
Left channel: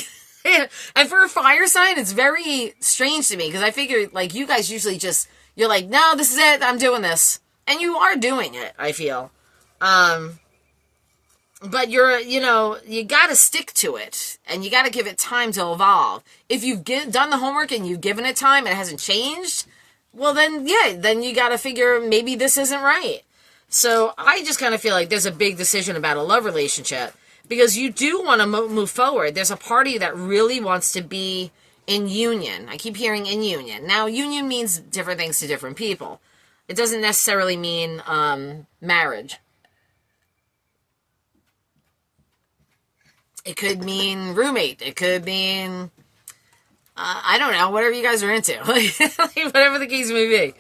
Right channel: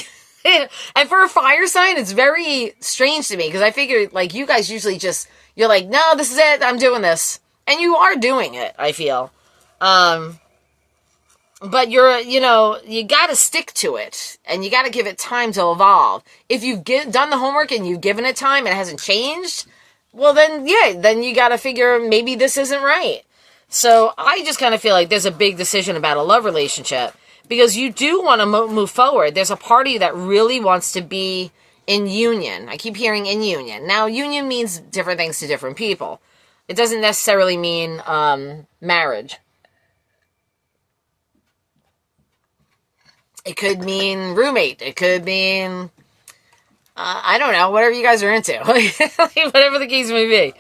and for a fire sign, it's very strange to me, because I figure, like, you guys usually just, you're like, no, this is it, I'm doing this. And you are doing it, I feel. But you gotta stick to it, and you gotta give it time to evolve. If you've done the homework and you've given it time and it hasn't changed, well then you gotta figure maybe this isn't right. So I just kind of feel like there's a big decision about a love relationship, because you do want to move forward. There's a party that really wants to be in union. I keep hearing in union. Now, union means different things to different people. It doesn't necessarily mean marriage. It could mean roommate. It could mean, I don't know, whatever you guys are into. Whatever the case may be.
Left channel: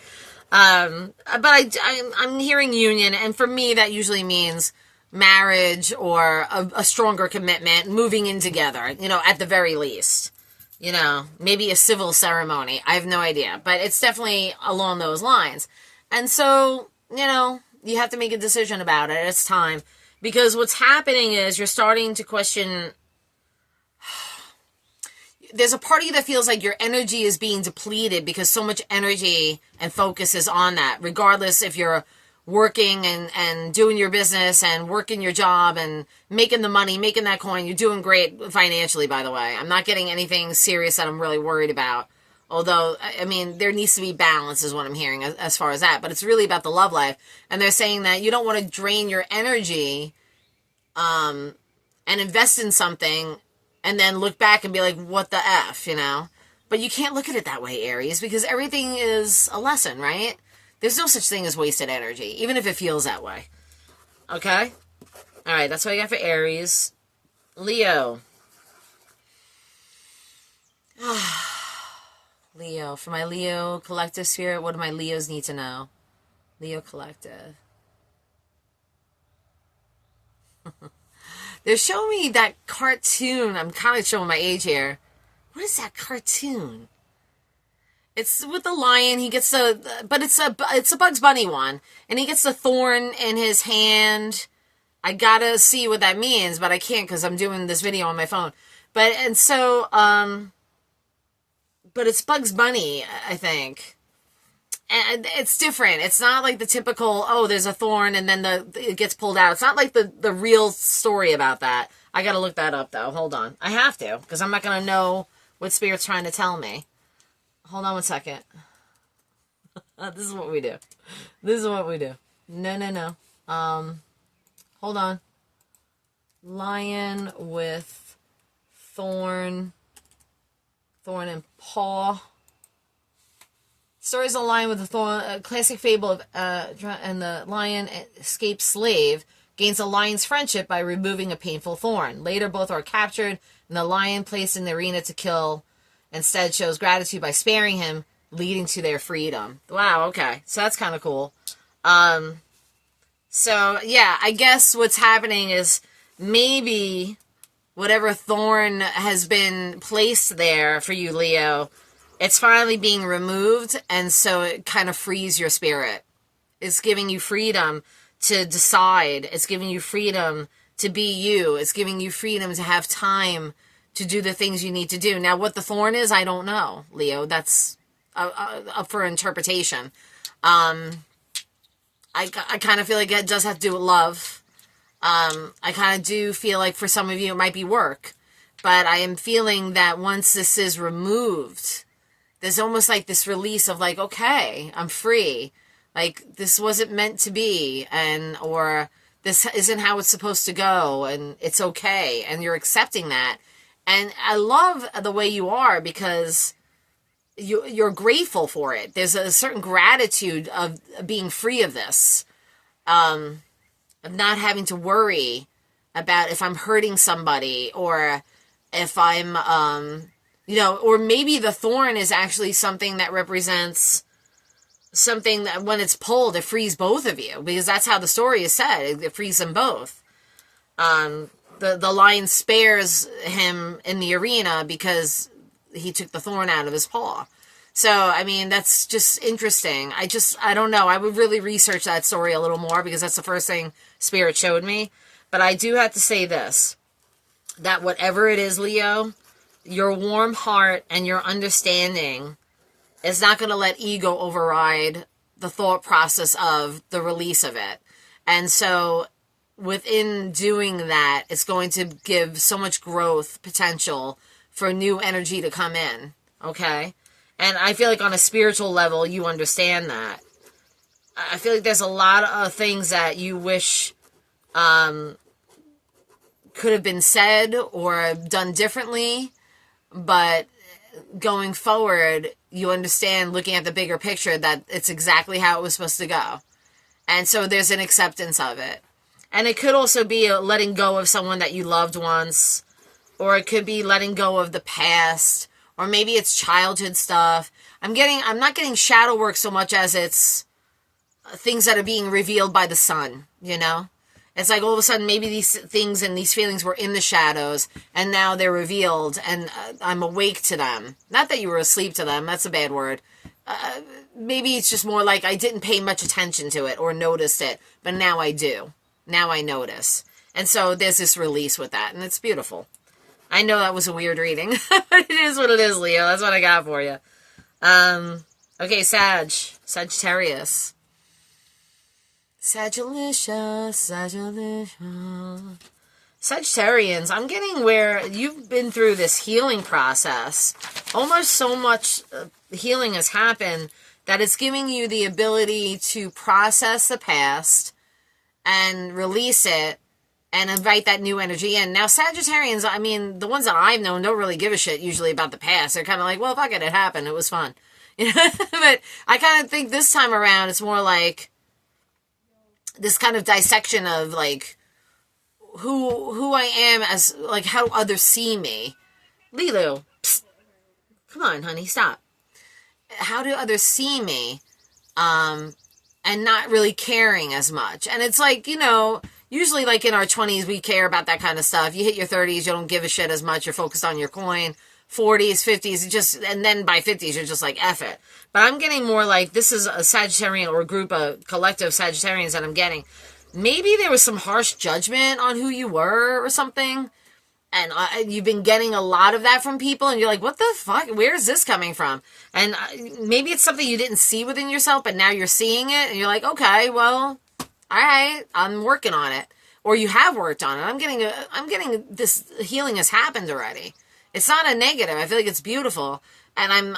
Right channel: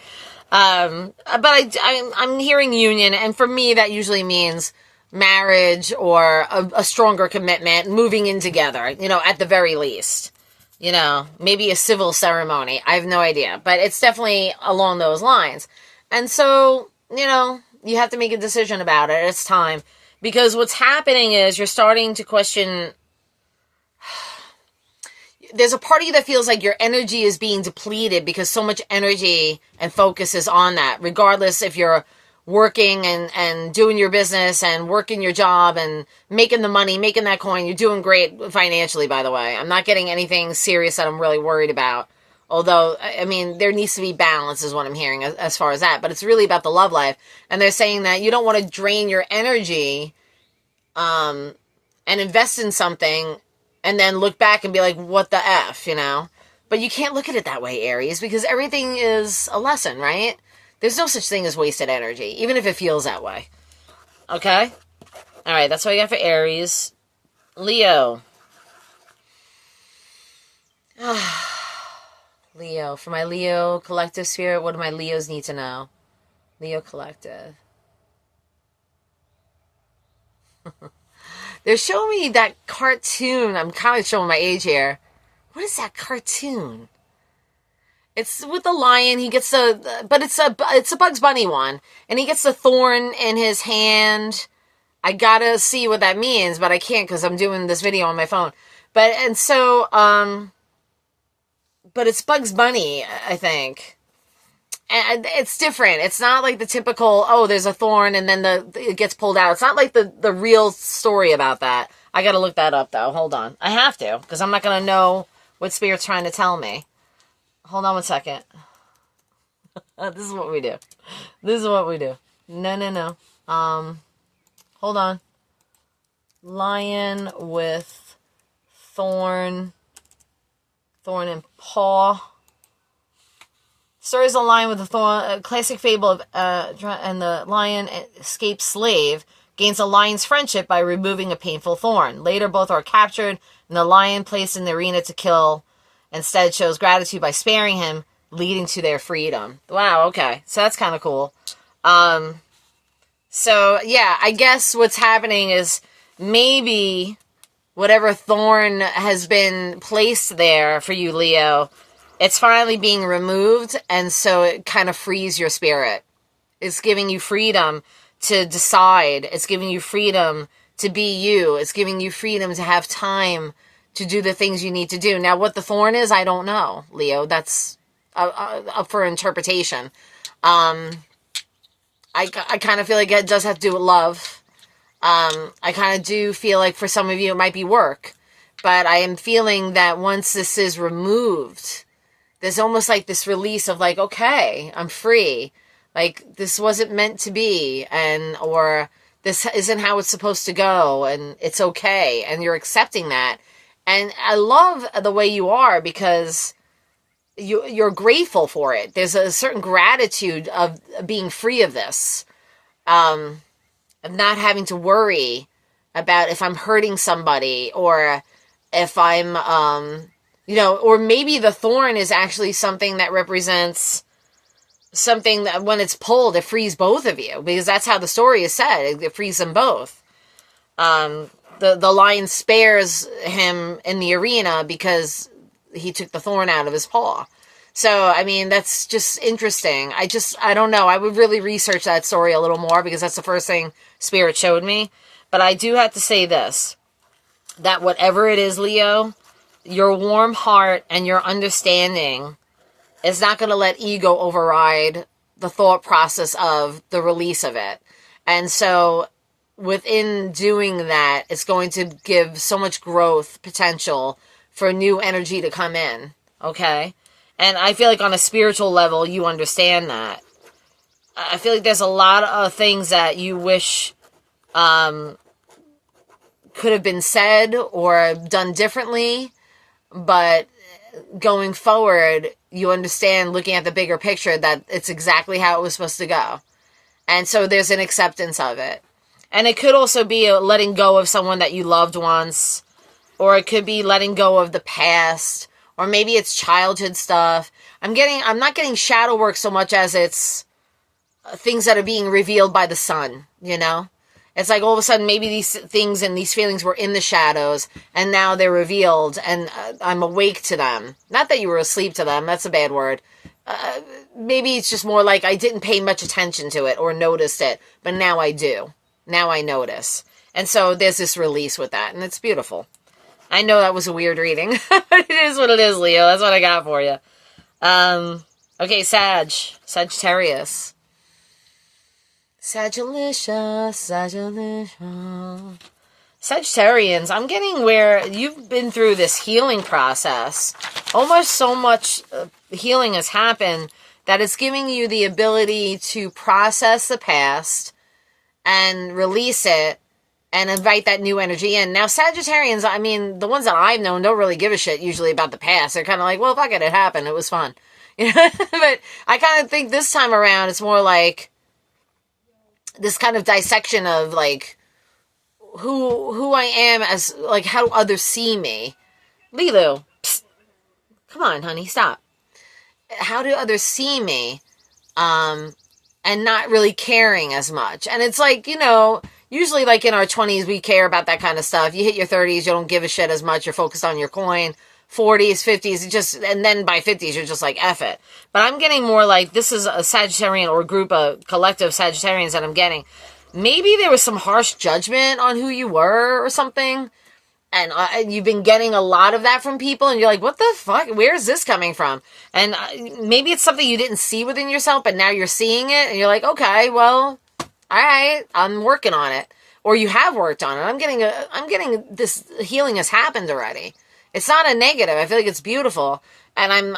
But I'm hearing union, and for me, that usually means marriage or a stronger commitment, moving in together, at the very least. Maybe a civil ceremony. I have no idea. But it's definitely along those lines. And so, you have to make a decision about it. It's time. Because what's happening is you're starting to question. There's a part of you that feels like your energy is being depleted because so much energy and focus is on that. Regardless if you're working and doing your business and working your job and making the money, making that coin, you're doing great financially, by the way. I'm not getting anything serious that I'm really worried about. Although, I mean, there needs to be balance is what I'm hearing as far as that. But it's really about the love life. And they're saying that you don't want to drain your energy and invest in something and then look back and be like, what the F, But you can't look at it that way, Aries, because everything is a lesson, right? There's no such thing as wasted energy, even if it feels that way. Okay? All right, that's what I got for Aries. Leo. Leo. For my Leo collective spirit, what do my Leos need to know? Leo collective. They're showing me that cartoon. I'm kind of showing my age here. What is that cartoon? It's with the lion. He gets but it's a Bugs Bunny one. And he gets the thorn in his hand. I gotta see what that means, but I can't because I'm doing this video on my phone. But it's Bugs Bunny, I think. And it's different. It's not like the typical, there's a thorn and then it gets pulled out. It's not like the real story about that. I gotta look that up, though. Hold on. I have to, because I'm not gonna know what Spirit's trying to tell me. Hold on 1 second. This is what we do. No. Hold on. Lion with thorn and paw. Stories of a lion with a thorn, a classic fable of, and the lion escapes slave, gains a lion's friendship by removing a painful thorn. Later, both are captured, and the lion placed in the arena to kill instead shows gratitude by sparing him, leading to their freedom. Wow, okay. So that's kind of cool. So, yeah, I guess what's happening is maybe whatever thorn has been placed there for you, Leo, it's finally being removed, and so it kind of frees your spirit. It's giving you freedom to decide. It's giving you freedom to be you. It's giving you freedom to have time to do the things you need to do. Now, what the thorn is, I don't know, Leo. That's up for interpretation. I kind of feel like it does have to do with love. I kind of do feel like for some of you it might be work. But I am feeling that once this is removed, there's almost like this release of like, okay, I'm free. Like, this wasn't meant to be, or this isn't how it's supposed to go, and it's okay, and you're accepting that. And I love the way you are, because you're grateful for it. There's a certain gratitude of being free of this, of not having to worry about if I'm hurting somebody, or if I'm, or maybe the thorn is actually something that represents something that when it's pulled, it frees both of you, because that's how the story is said. It frees them both. the lion spares him in the arena because he took the thorn out of his paw. So, I mean, that's just interesting. I don't know. I would really research that story a little more because that's the first thing Spirit showed me. But I do have to say this, that whatever it is, Leo, your warm heart and your understanding is not going to let ego override the thought process of the release of it. And so within doing that, it's going to give so much growth potential for new energy to come in. Okay? And I feel like on a spiritual level, you understand that. I feel like there's a lot of things that you wish could have been said or done differently, but going forward, you understand, looking at the bigger picture, that it's exactly how it was supposed to go. And so there's an acceptance of it. And it could also be a letting go of someone that you loved once, or it could be letting go of the past, or maybe it's childhood stuff. I'm not getting shadow work so much as it's things that are being revealed by the sun, you know? It's like all of a sudden maybe these things and these feelings were in the shadows and now they're revealed and I'm awake to them. Not that you were asleep to them. That's a bad word. Maybe it's just more like I didn't pay much attention to it or noticed it, but now I do. Now I notice. And so there's this release with that, and it's beautiful. I know that was a weird reading, but it is what it is, Leo. That's what I got for you. Okay, Sagittarius. Sagittarians, I'm getting where you've been through this healing process. Almost so much healing has happened that it's giving you the ability to process the past and release it and invite that new energy in. Now, Sagittarians, I mean, the ones that I've known don't really give a shit usually about the past. They're kind of like, well, fuck it, it happened. It was fun. You know? But I kind of think this time around, it's more like this kind of dissection of like who I am as like how others see me. Lilu, psst, come on, honey, stop. How do others see me? And not really caring as much. And it's like, you know, usually like in our 20s, we care about that kind of stuff. You hit your 30s, you don't give a shit as much. You're focused on your coin. 40s, 50s, and then by 50s, you're just like, F it. But I'm getting more like, this is a Sagittarian or group of collective Sagittarians that I'm getting. Maybe there was some harsh judgment on who you were or something. And you've been getting a lot of that from people. And you're like, what the fuck? Where is this coming from? And maybe it's something you didn't see within yourself, but now you're seeing it. And you're like, okay, well, all right, I'm working on it. Or you have worked on it. I'm getting this healing has happened already. It's not a negative. I feel like it's beautiful. And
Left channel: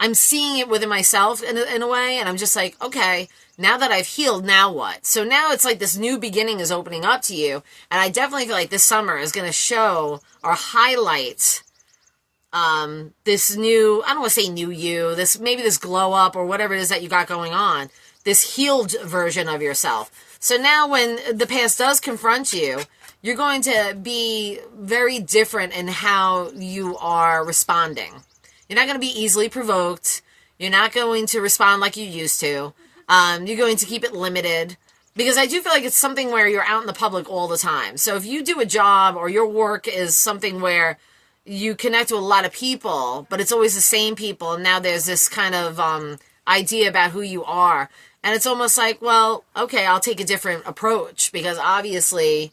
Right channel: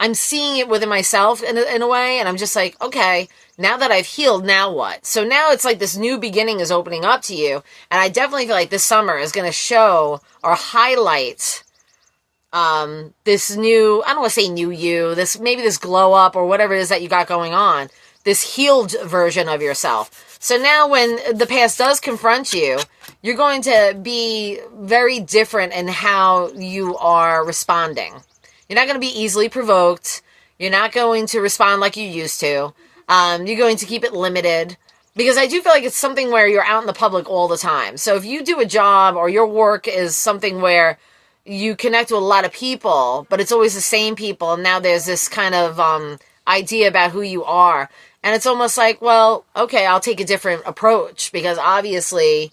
I'm seeing it within myself in a way. And I'm just like, okay, now that I've healed, now what? So now it's like this new beginning is opening up to you. And I definitely feel like this summer is going to show or highlight this new, I don't want to say new you, maybe this glow up or whatever it is that you got going on, this healed version of yourself. So now when the past does confront you, you're going to be very different in how you are responding. You're not going to be easily provoked. You're not going to respond like you used to. You're going to keep it limited. Because I do feel like it's something where you're out in the public all the time. So if you do a job or your work is something where you connect with a lot of people, but it's always the same people, and now there's this kind of idea about who you are. And it's almost like, well, okay, I'll take a different approach because obviously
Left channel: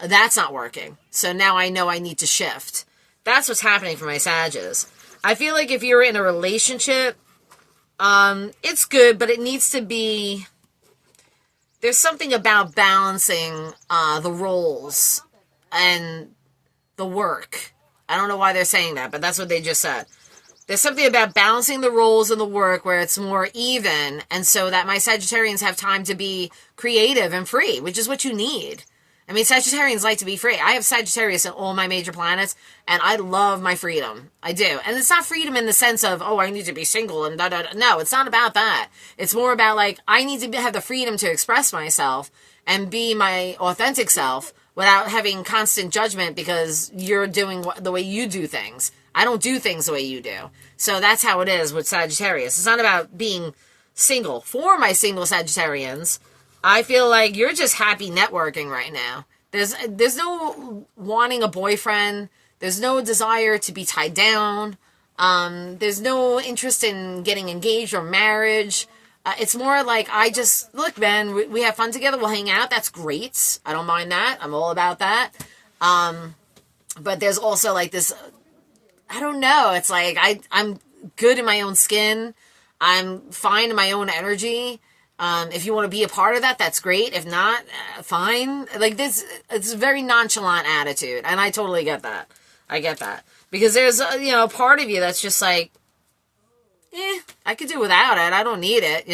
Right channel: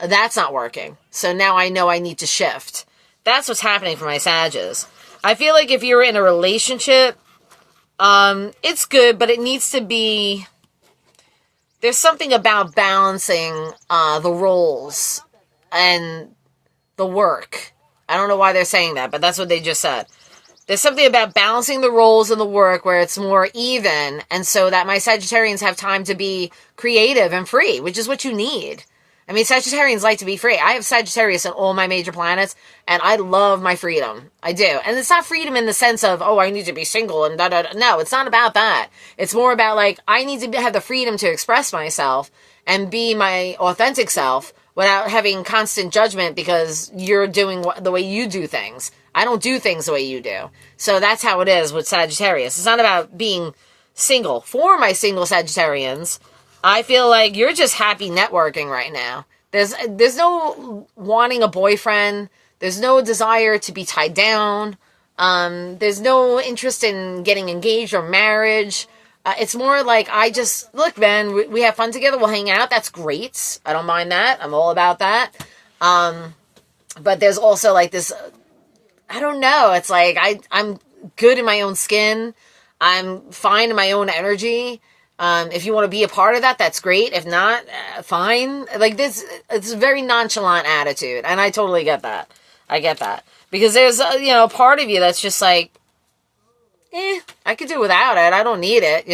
that's not working. So now I know I need to shift. That's what's happening for my Sages. I feel like if you're in a relationship, it's good, but it needs to be, there's something about balancing the roles and the work. I don't know why they're saying that, but that's what they just said. There's something about balancing the roles in the work where it's more even, and so that my Sagittarians have time to be creative and free, which is what you need. I mean, Sagittarians like to be free. I have Sagittarius in all my major planets, and I love my freedom. I do. And it's not freedom in the sense of, oh, I need to be single and da-da-da. No, it's not about that. It's more about, like, I need to have the freedom to express myself and be my authentic self without having constant judgment because you're doing the way you do things. I don't do things the way you do. So that's how it is with Sagittarius. It's not about being single. For my single Sagittarians, I feel like you're just happy networking right now. There's no wanting a boyfriend. There's no desire to be tied down. There's no interest in getting engaged or marriage. It's more like, look, man, we have fun together. We'll hang out. That's great. I don't mind that. I'm all about that. But there's also like this, I don't know. It's like, I'm good in my own skin. I'm fine in my own energy. If you want to be a part of that, that's great. If not, fine. Like this, it's a very nonchalant attitude. And I totally get that. I get that. Because there's, a part of you that's just like, I could do without it. I don't need it,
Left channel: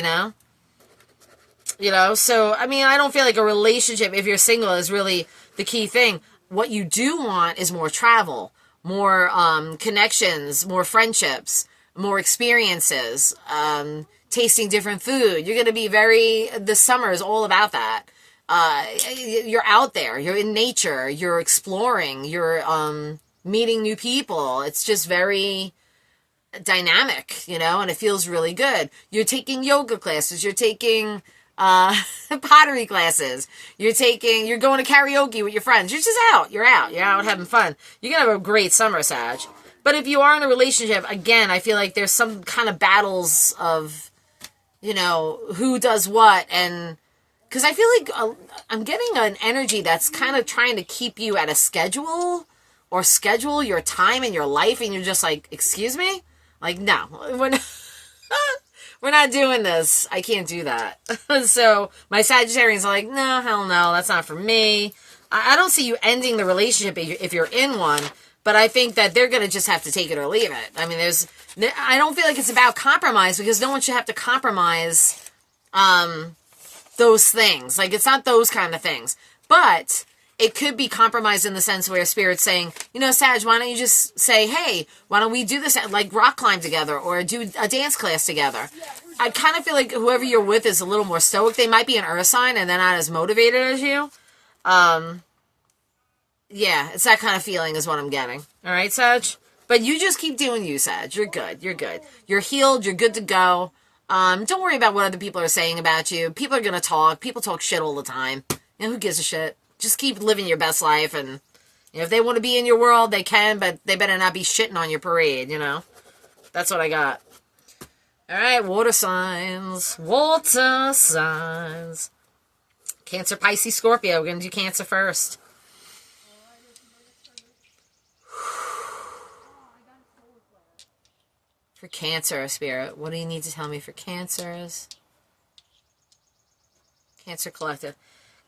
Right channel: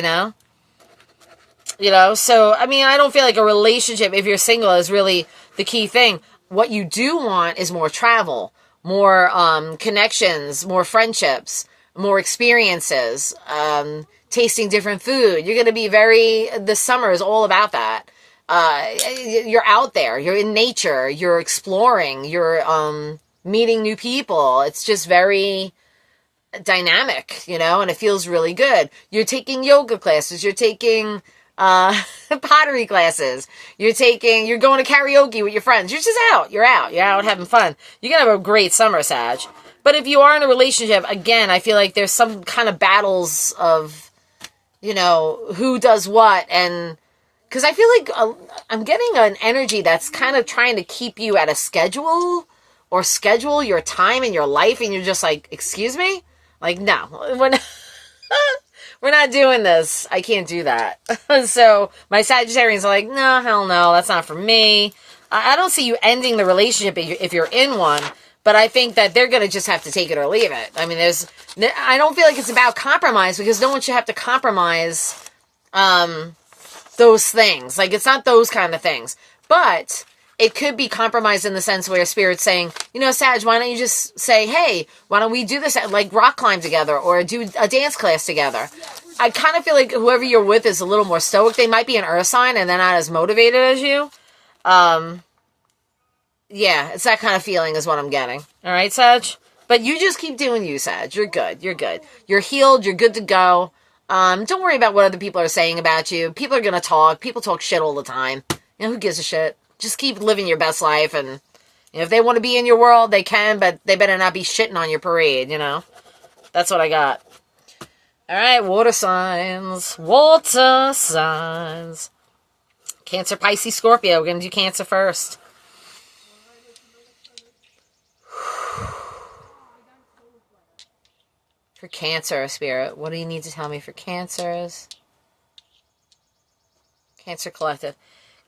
So, I mean, I don't feel like a relationship, if you're single, is really the key thing. What you do want is more travel, more connections, more friendships, more experiences, tasting different food. You're going to be this summer is all about that. You're out there, you're in nature, you're exploring, you're meeting new people. It's just very dynamic, and it feels really good. You're taking yoga classes, you're taking pottery classes, you're going to karaoke with your friends. You're just out. You're out having fun. You're going to have a great summer, Sag. But if you are in a relationship, again, I feel like there's some kind of battles of, who does what. And because I feel like I'm getting an energy that's kind of trying to keep you at a schedule or schedule your time in your life. And you're just like, excuse me? Like, no, we're not doing this. I can't do that. So my Sagittarians are like, no, hell no, that's not for me. I don't see you ending the relationship if you're in one. But I think that they're going to just have to take it or leave it. I mean, I don't feel like it's about compromise, because no one should have to compromise those things. Like, it's not those kind of things. But it could be compromised in the sense where Spirit's saying, Sag, why don't you just say, hey, why don't we do this, like rock climb together or do a dance class together? I kind of feel like whoever you're with is a little more stoic. They might be an earth sign and they're not as motivated as you. Yeah, it's that kind of feeling is what I'm getting. All right, Sag? But you just keep doing you, Sag. You're good. You're good. You're healed. You're good to go. Don't worry about what other people are saying about you. People are going to talk. People talk shit all the time. Who gives a shit? Just keep living your best life. And if they want to be in your world, they can, but they better not be shitting on your parade, That's what I got. All right, water signs. Water signs. Cancer, Pisces, Scorpio. We're going to do Cancer first. For Cancer, Spirit, what do you need to tell me for Cancers? Cancer Collective.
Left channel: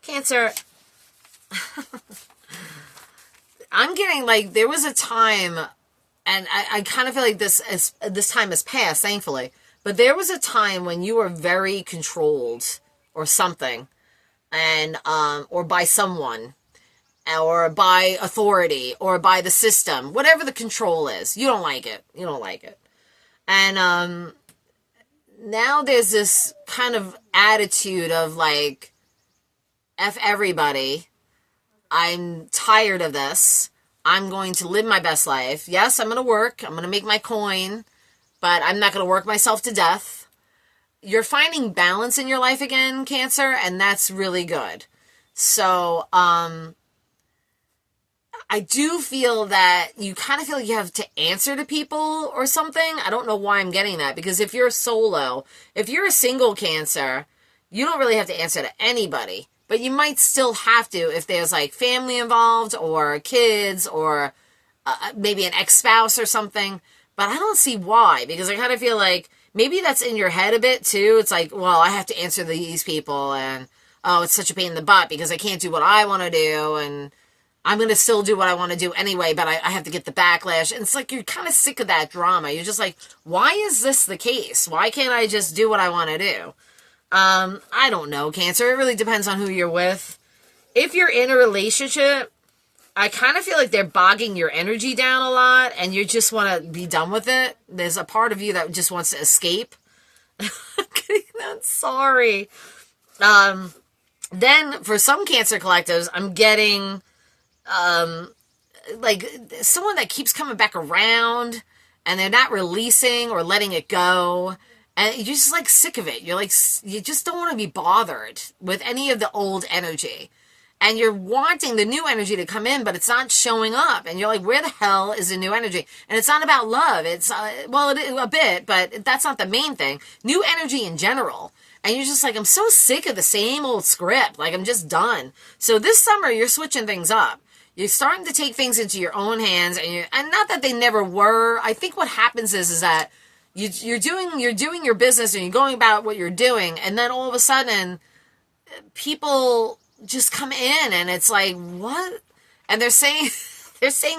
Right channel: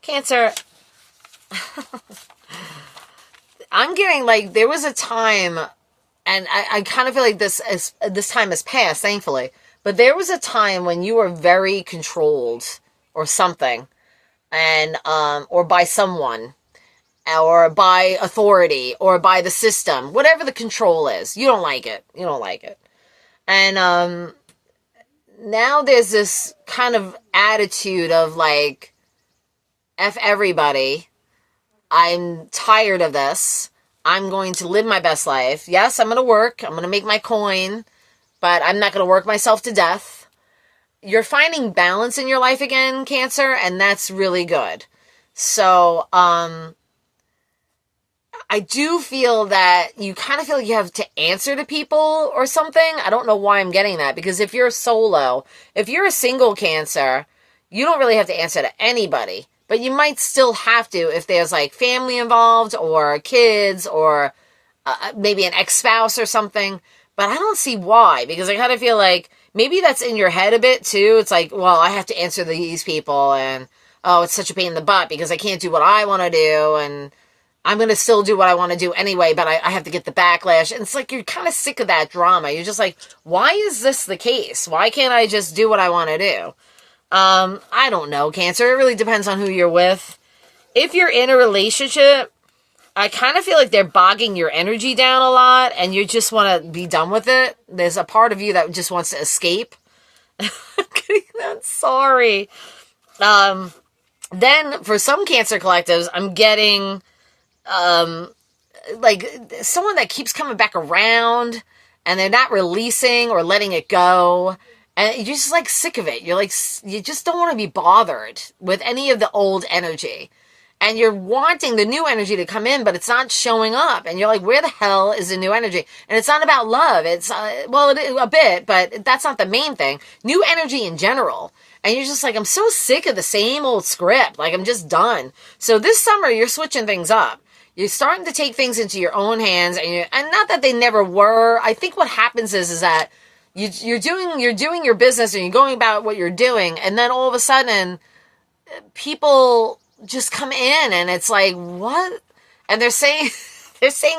Cancer, I'm getting like, there was a time, and I kind of feel like this time has passed, thankfully, but there was a time when you were very controlled or something, and or by someone, or by authority, or by the system, whatever the control is. You don't like it. You don't like it. And now there's this kind of attitude of like, F everybody. I'm tired of this. I'm going to live my best life. Yes, I'm going to work. I'm going to make my coin, but I'm not going to work myself to death. You're finding balance in your life again, Cancer, and that's really good. So, I do feel that you kind of feel like you have to answer to people or something. I don't know why I'm getting that, because if you're solo, if you're a single Cancer, you don't really have to answer to anybody, but you might still have to if there's like family involved or kids or maybe an ex-spouse or something. But I don't see why, because I kind of feel like maybe that's in your head a bit too. It's like, well, I have to answer to these people, and oh, it's such a pain in the butt because I can't do what I want to do, and I'm going to still do what I want to do anyway, but I have to get the backlash. And it's like, you're kind of sick of that drama. You're just like, why is this the case? Why can't I just do what I want to do? I don't know, Cancer. It really depends on who you're with. If you're in a relationship, I kind of feel like they're bogging your energy down a lot and you just want to be done with it. There's a part of you that just wants to escape. I'm sorry. Then for some Cancer collectives, I'm getting like someone that keeps coming back around and they're not releasing or letting it go, and you're just like sick of it. You're like, you just don't want to be bothered with any of the old energy. and you're wanting the new energy to come in, but it's not showing up. And you're like, where the hell is the new energy? And it's not about love. It's, a bit, but that's not the main thing. New energy in general. And you're just like, I'm so sick of the same old script. Like, I'm just done. So this summer, you're switching things up. You're starting to take things into your own hands, and not that they never were. I think what happens is that you're doing your business and you're going about what you're doing, and then all of a sudden, people just come in, and it's like, what? And they're saying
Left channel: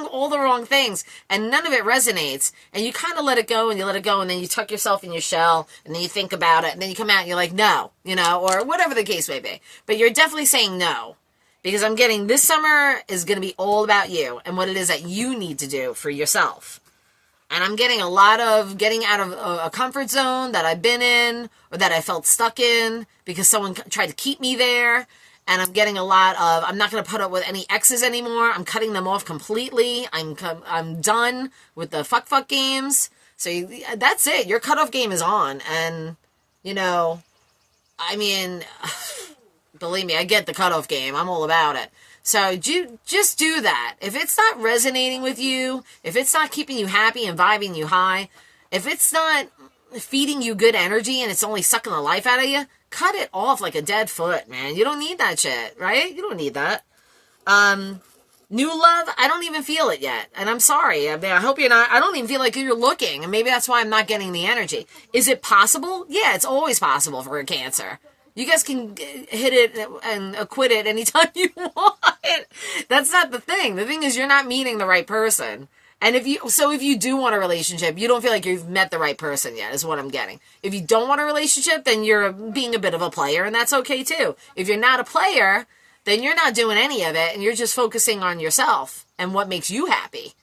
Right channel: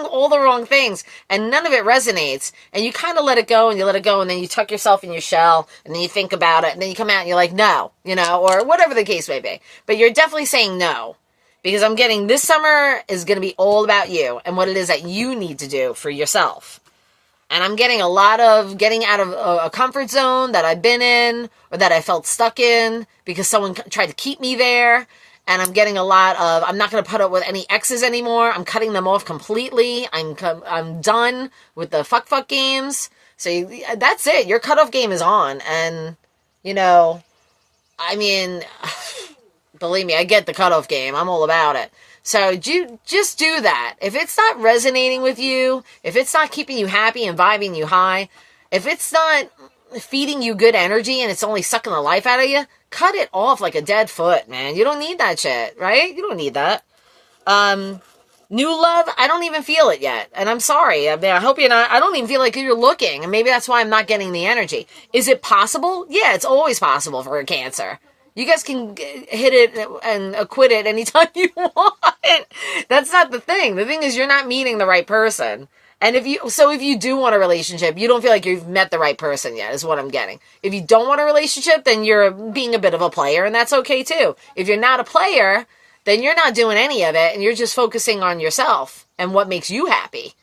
all the wrong things, and none of it resonates. And you kind of let it go, and you let it go, and then you tuck yourself in your shell, and then you think about it, and then you come out and you're like, no, or whatever the case may be. But you're definitely saying no. Because I'm getting this summer is going to be all about you and what it is that you need to do for yourself. And I'm getting a lot of getting out of a comfort zone that I've been in or that I felt stuck in because someone tried to keep me there. And I'm getting a lot of, I'm not going to put up with any exes anymore. I'm cutting them off completely. I'm done with the fuck games. So that's it. Your cutoff game is on. And, believe me, I get the cutoff game. I'm all about it. So just do that. If it's not resonating with you, if it's not keeping you happy and vibing you high, if it's not feeding you good energy and it's only sucking the life out of you, cut it off like a dead foot, man. You don't need that shit, right? You don't need that. New love, I don't even feel it yet. And I'm sorry. I hope you're not. I don't even feel like you're looking. And maybe that's why I'm not getting the energy. Is it possible? Yeah, it's always possible for a Cancer. You guys can hit it and acquit it anytime you want. That's not the thing. The thing is you're not meeting the right person. And if you do want a relationship, you don't feel like you've met the right person yet, is what I'm getting. If you don't want a relationship, then you're being a bit of a player, and that's okay too. If you're not a player, then you're not doing any of it, and you're just focusing on yourself and what makes you happy.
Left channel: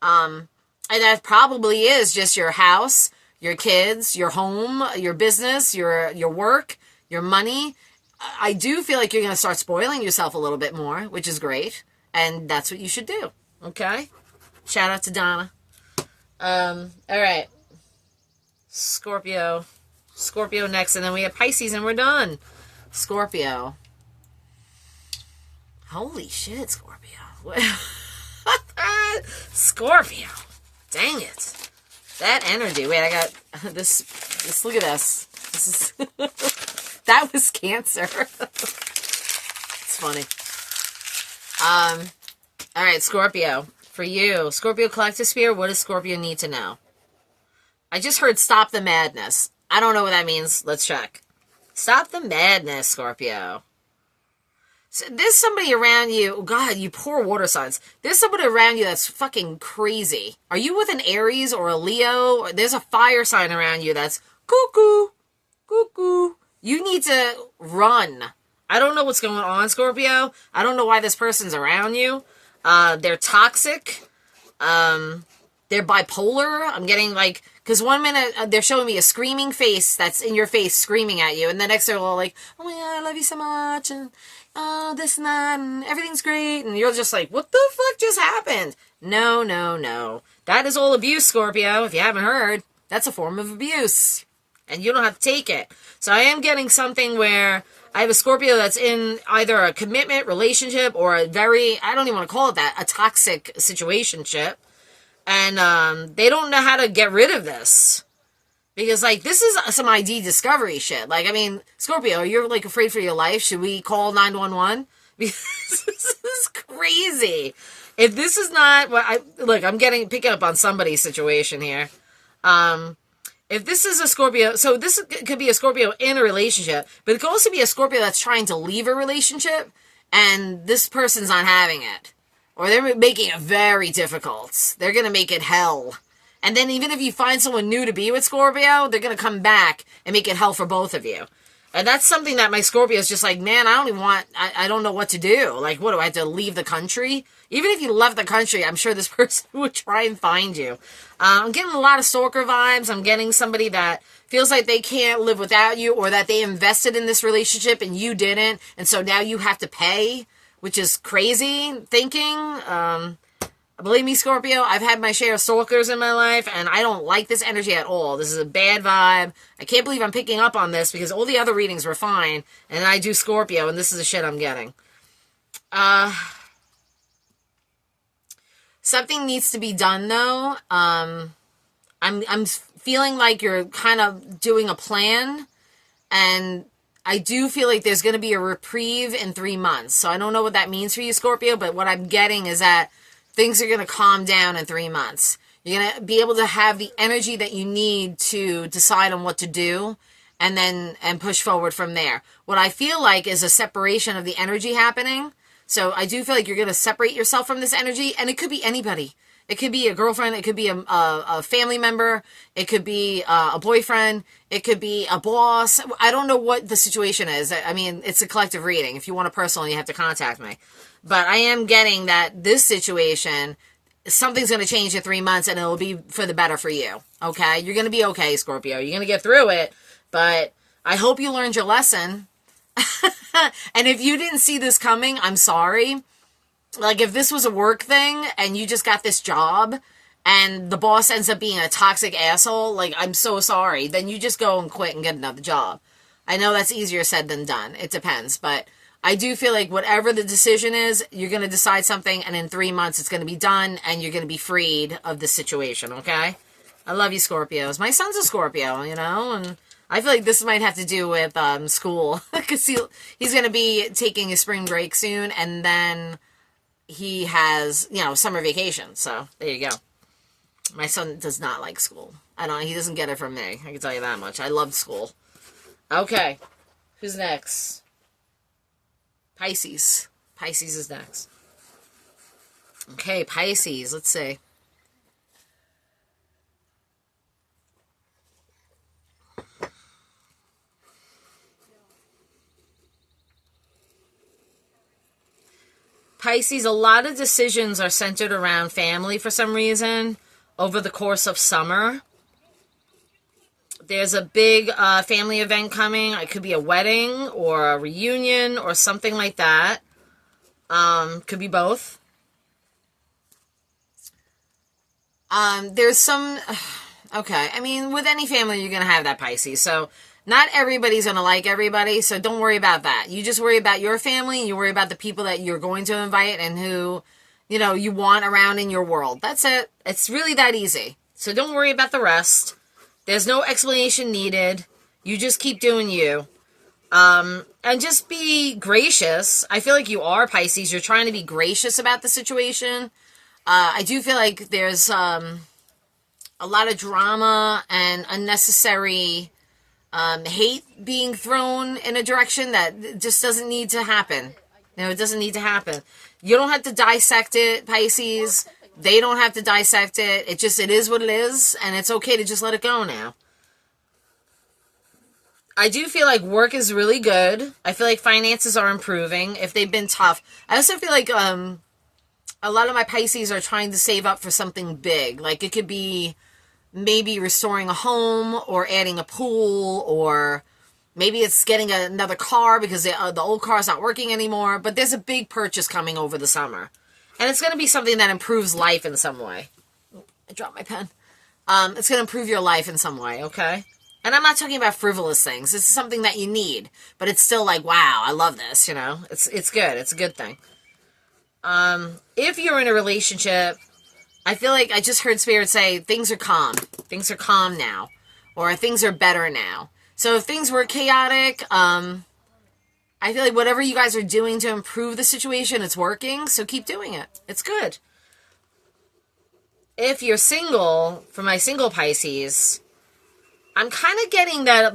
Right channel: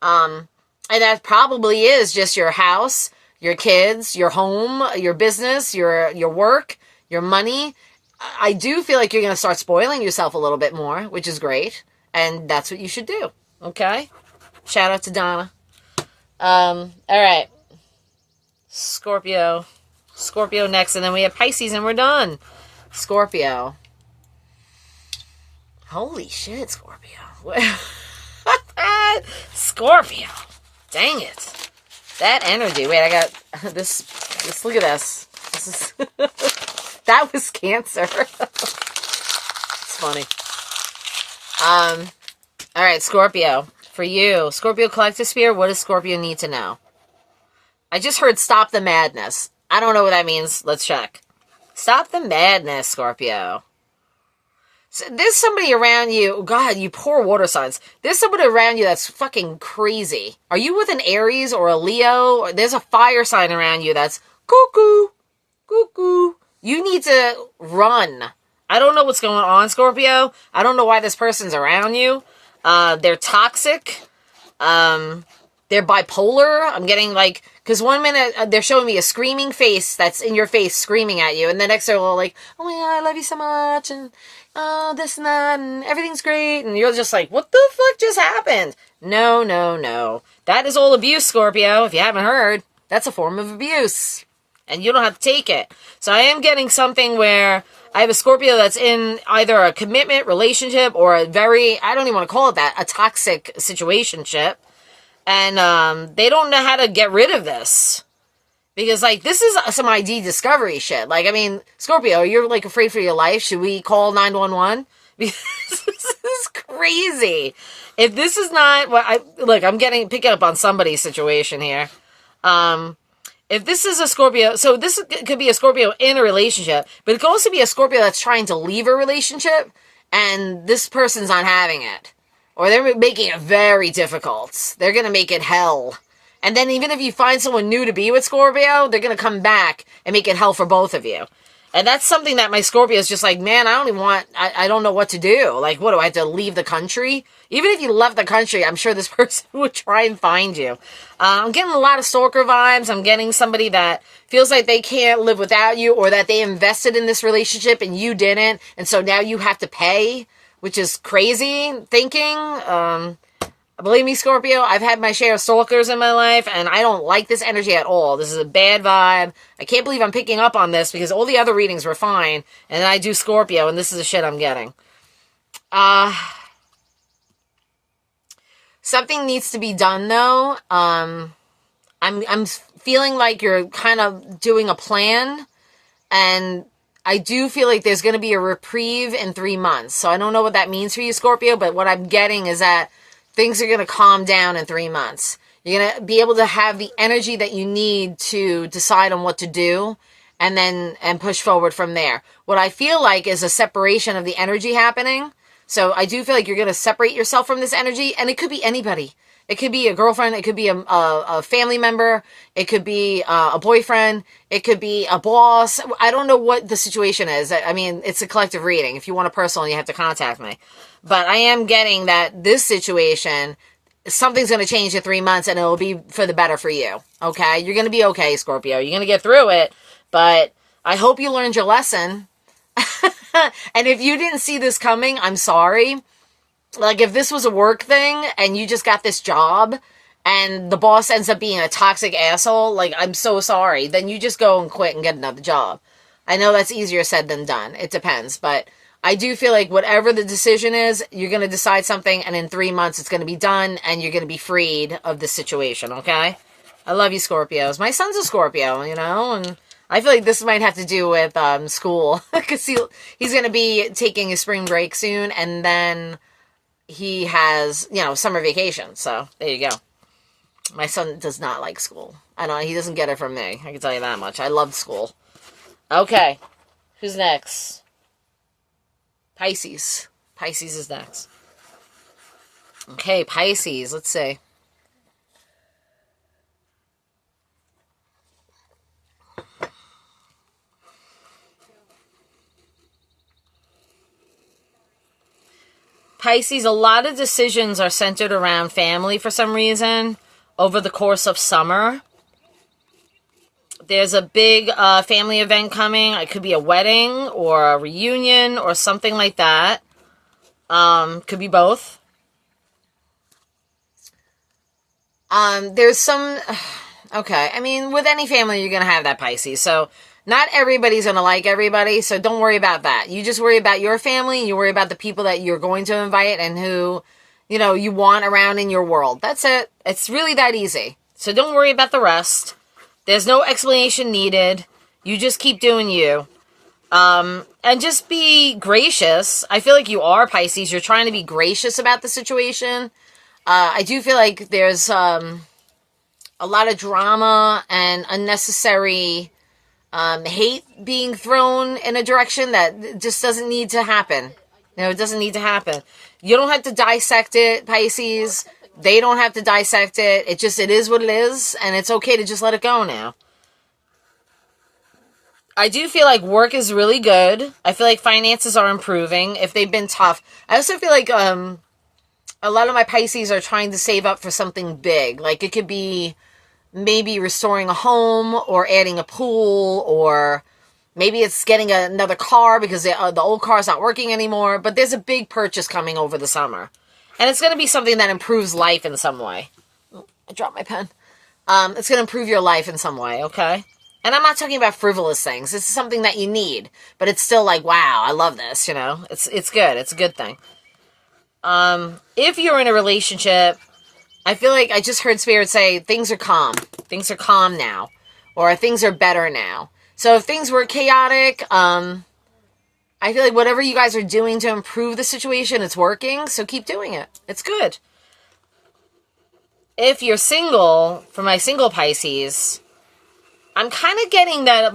And that probably is just your house, your kids, your home, your business, your work, your money. I do feel like you're going to start spoiling yourself a little bit more, which is great. And that's what you should do. Okay? Shout out to Donna. All right. Scorpio next. And then we have Pisces and we're done. Scorpio. Holy shit, Scorpio. Scorpio. Dang it. That energy. Wait, I got this. Look at this. This is... That was Cancer. It's funny. All right, Scorpio. For you, Scorpio Collective Spirit, what does Scorpio need to know? I just heard stop the madness. I don't know what that means. Let's check. Stop the madness, Scorpio. So there's somebody around you. God, you poor water signs. There's somebody around you that's fucking crazy. Are you with an Aries or a Leo? There's a fire sign around you that's cuckoo, cuckoo. You need to run. I don't know what's going on, Scorpio. I don't know why this person's around you. They're toxic. They're bipolar. I'm getting because 1 minute they're showing me a screaming face that's in your face screaming at you. And the next they're all like, oh my God, I love you so much. And this and that. And everything's great. And you're just like, what the fuck just happened? No. That is all abuse, Scorpio. If you haven't heard, that's a form of abuse. And you don't have to take it. So I am getting something where I have a Scorpio that's in either a commitment, relationship, or I don't even want to call it that, a toxic situationship. And they don't know how to get rid of this. Because, this is some ID discovery shit. Scorpio, you're, afraid for your life. Should we call 911? Because this is crazy. If this is not I'm picking up on somebody's situation here. If this is a Scorpio, so this could be a Scorpio in a relationship, but it could also be a Scorpio that's trying to leave a relationship, and this person's not having it. Or they're making it very difficult. They're going to make it hell. And then even if you find someone new to be with, Scorpio, they're going to come back and make it hell for both of you. And that's something that my Scorpio is just like, man, I don't know what to do. What do I have to leave the country? Even if you left the country, I'm sure this person would try and find you. I'm getting a lot of stalker vibes. I'm getting somebody that feels like they can't live without you, or that they invested in this relationship and you didn't. And so now you have to pay, which is crazy thinking. Believe me, Scorpio, I've had my share of stalkers in my life, and I don't like this energy at all. This is a bad vibe. I can't believe I'm picking up on this because all the other readings were fine, and I do Scorpio, and this is the shit I'm getting. Something needs to be done though. I'm feeling like you're kind of doing a plan, and I do feel like there's going to be a reprieve in 3 months. So I don't know what that means for you, Scorpio, but what I'm getting is that things are going to calm down in 3 months. You're going to be able to have the energy that you need to decide on what to do and push forward from there. What I feel like is a separation of the energy happening. So I do feel like you're going to separate yourself from this energy, and it could be anybody. It could be a girlfriend. It could be a family member. It could be a boyfriend. It could be a boss. I don't know what the situation is. I mean, it's a collective reading. If you want a personal, you have to contact me. But I am getting that this situation, something's going to change in 3 months, and it'll be for the better for you. Okay? You're going to be okay, Scorpio. You're going to get through it. But I hope you learned your lesson. And if you didn't see this coming, I'm sorry. Like, if this was a work thing and you just got this job and the boss ends up being a toxic asshole, like, I'm so sorry. Then you just go and quit and get another job. I know that's easier said than done. It depends. But I do feel like whatever the decision is, you're going to decide something, and in 3 months it's going to be done and you're going to be freed of this situation, okay? I love you, Scorpios. My son's a Scorpio, you know, and I feel like this might have to do with school, because he's going to be taking a spring break soon, and then he has, summer vacation. So there you go. My son does not like school. He doesn't get it from me. I can tell you that much. I loved school. Okay. Who's next? Pisces. Pisces is next. Okay, Pisces. Let's see. Pisces, a lot of decisions are centered around family for some reason over the course of summer. There's a big family event coming. It could be a wedding or a reunion or something like that. Could be both. There's some... Okay, I mean, with any family, you're going to have that, Pisces. So not everybody's going to like everybody, so don't worry about that. You just worry about your family, you worry about the people that you're going to invite and who, you want around in your world. That's it. It's really that easy. So don't worry about the rest. There's no explanation needed. You just keep doing you. And just be gracious. I feel like you are, Pisces. You're trying to be gracious about the situation. I do feel like there's a lot of drama and unnecessary hate being thrown in a direction that just doesn't need to happen. It doesn't need to happen. You don't have to dissect it, Pisces. They don't have to dissect it. It is what it is, and it's okay to just let it go now. I do feel like work is really good. I feel like finances are improving if they've been tough. I also feel like a lot of my Pisces are trying to save up for something big. Like, it could be maybe restoring a home or adding a pool, or maybe it's getting another car because the old car's not working anymore. But there's a big purchase coming over the summer. And it's going to be something that improves life in some way. I dropped my pen. It's going to improve your life in some way, okay? And I'm not talking about frivolous things. This is something that you need. But it's still like, wow, I love this, It's good. It's a good thing. If you're in a relationship, I feel like I just heard Spirit say things are calm. Things are calm now. Or things are better now. So if things were chaotic, I feel like whatever you guys are doing to improve the situation, it's working. So keep doing it. It's good. If you're single, for my single Pisces, I'm kind of getting that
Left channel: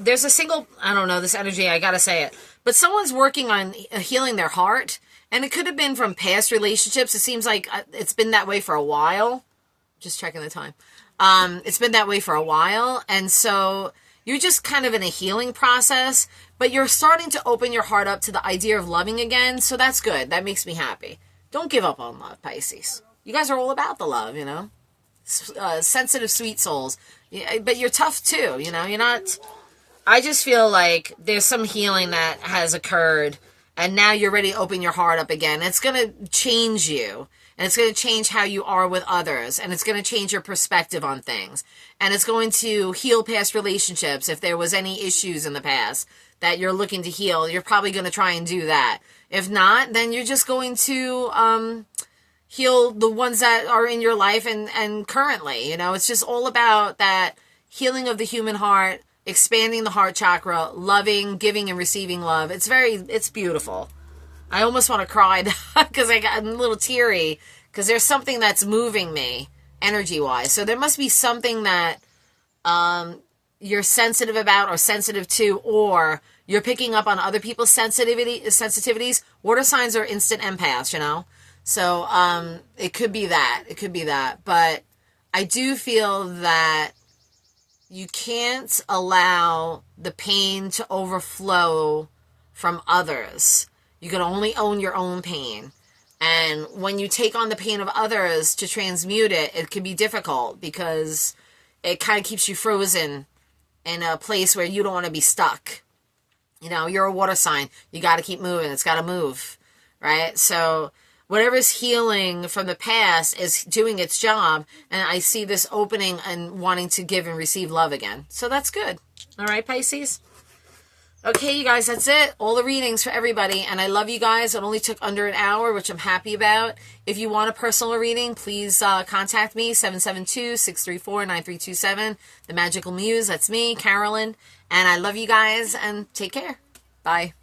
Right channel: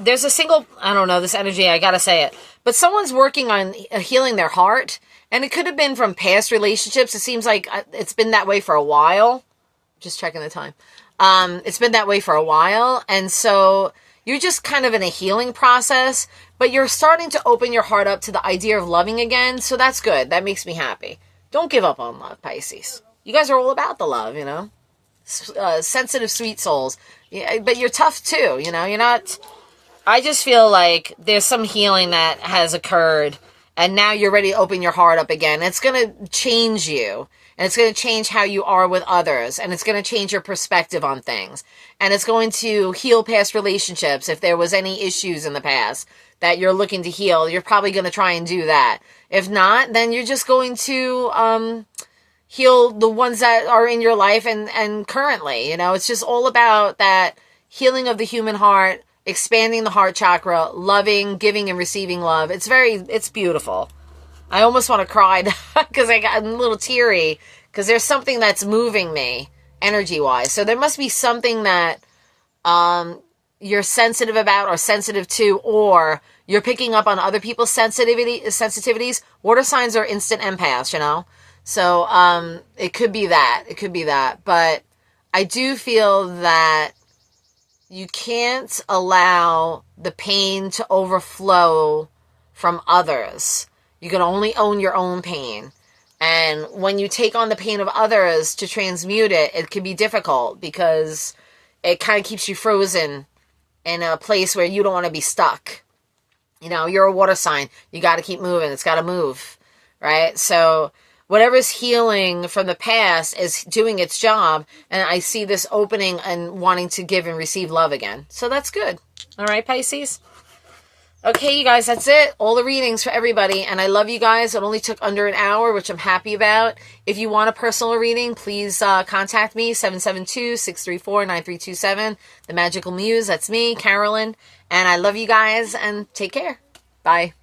there's a single, I don't know, this energy, I gotta say it. But someone's working on healing their heart. And it could have been from past relationships. It seems like it's been that way for a while. Just checking the time. It's been that way for a while. And so you're just kind of in a healing process. But you're starting to open your heart up to the idea of loving again. So that's good. That makes me happy. Don't give up on love, Pisces. You guys are all about the love, sensitive, sweet souls. Yeah, but you're tough too, You're not... I just feel like there's some healing that has occurred. And now you're ready to open your heart up again. It's going to change you. And it's going to change how you are with others. And it's going to change your perspective on things. And it's going to heal past relationships. If there was any issues in the past that you're looking to heal, you're probably going to try and do that. If not, then you're just going to heal the ones that are in your life and currently. You know, it's just all about that healing of the human heart, expanding the heart chakra, loving, giving, and receiving love. It's beautiful. I almost want to cry because I'm a little teary because there's something that's moving me energy-wise. So there must be something that you're sensitive about or sensitive to, or you're picking up on other people's sensitivities. Water signs are instant empaths, you know? So it could be that. It could be that. But I do feel that you can't allow the pain to overflow from others. You can only own your own pain. And when you take on the pain of others to transmute it, it can be difficult because it kind of keeps you frozen in a place where you don't want to be stuck. You know, you're a water sign. You got to keep moving. It's got to move, right? So whatever's healing from the past is doing its job. And I see this opening and wanting to give and receive love again. So that's good. All right, Pisces? Okay, you guys, that's it. All the readings for everybody. And I love you guys. It only took under an hour, which I'm happy about. If you want a personal reading, please contact me, 772-634-9327. The Magical Muse, that's me, Carolyn. And I love you guys, and take care. Bye.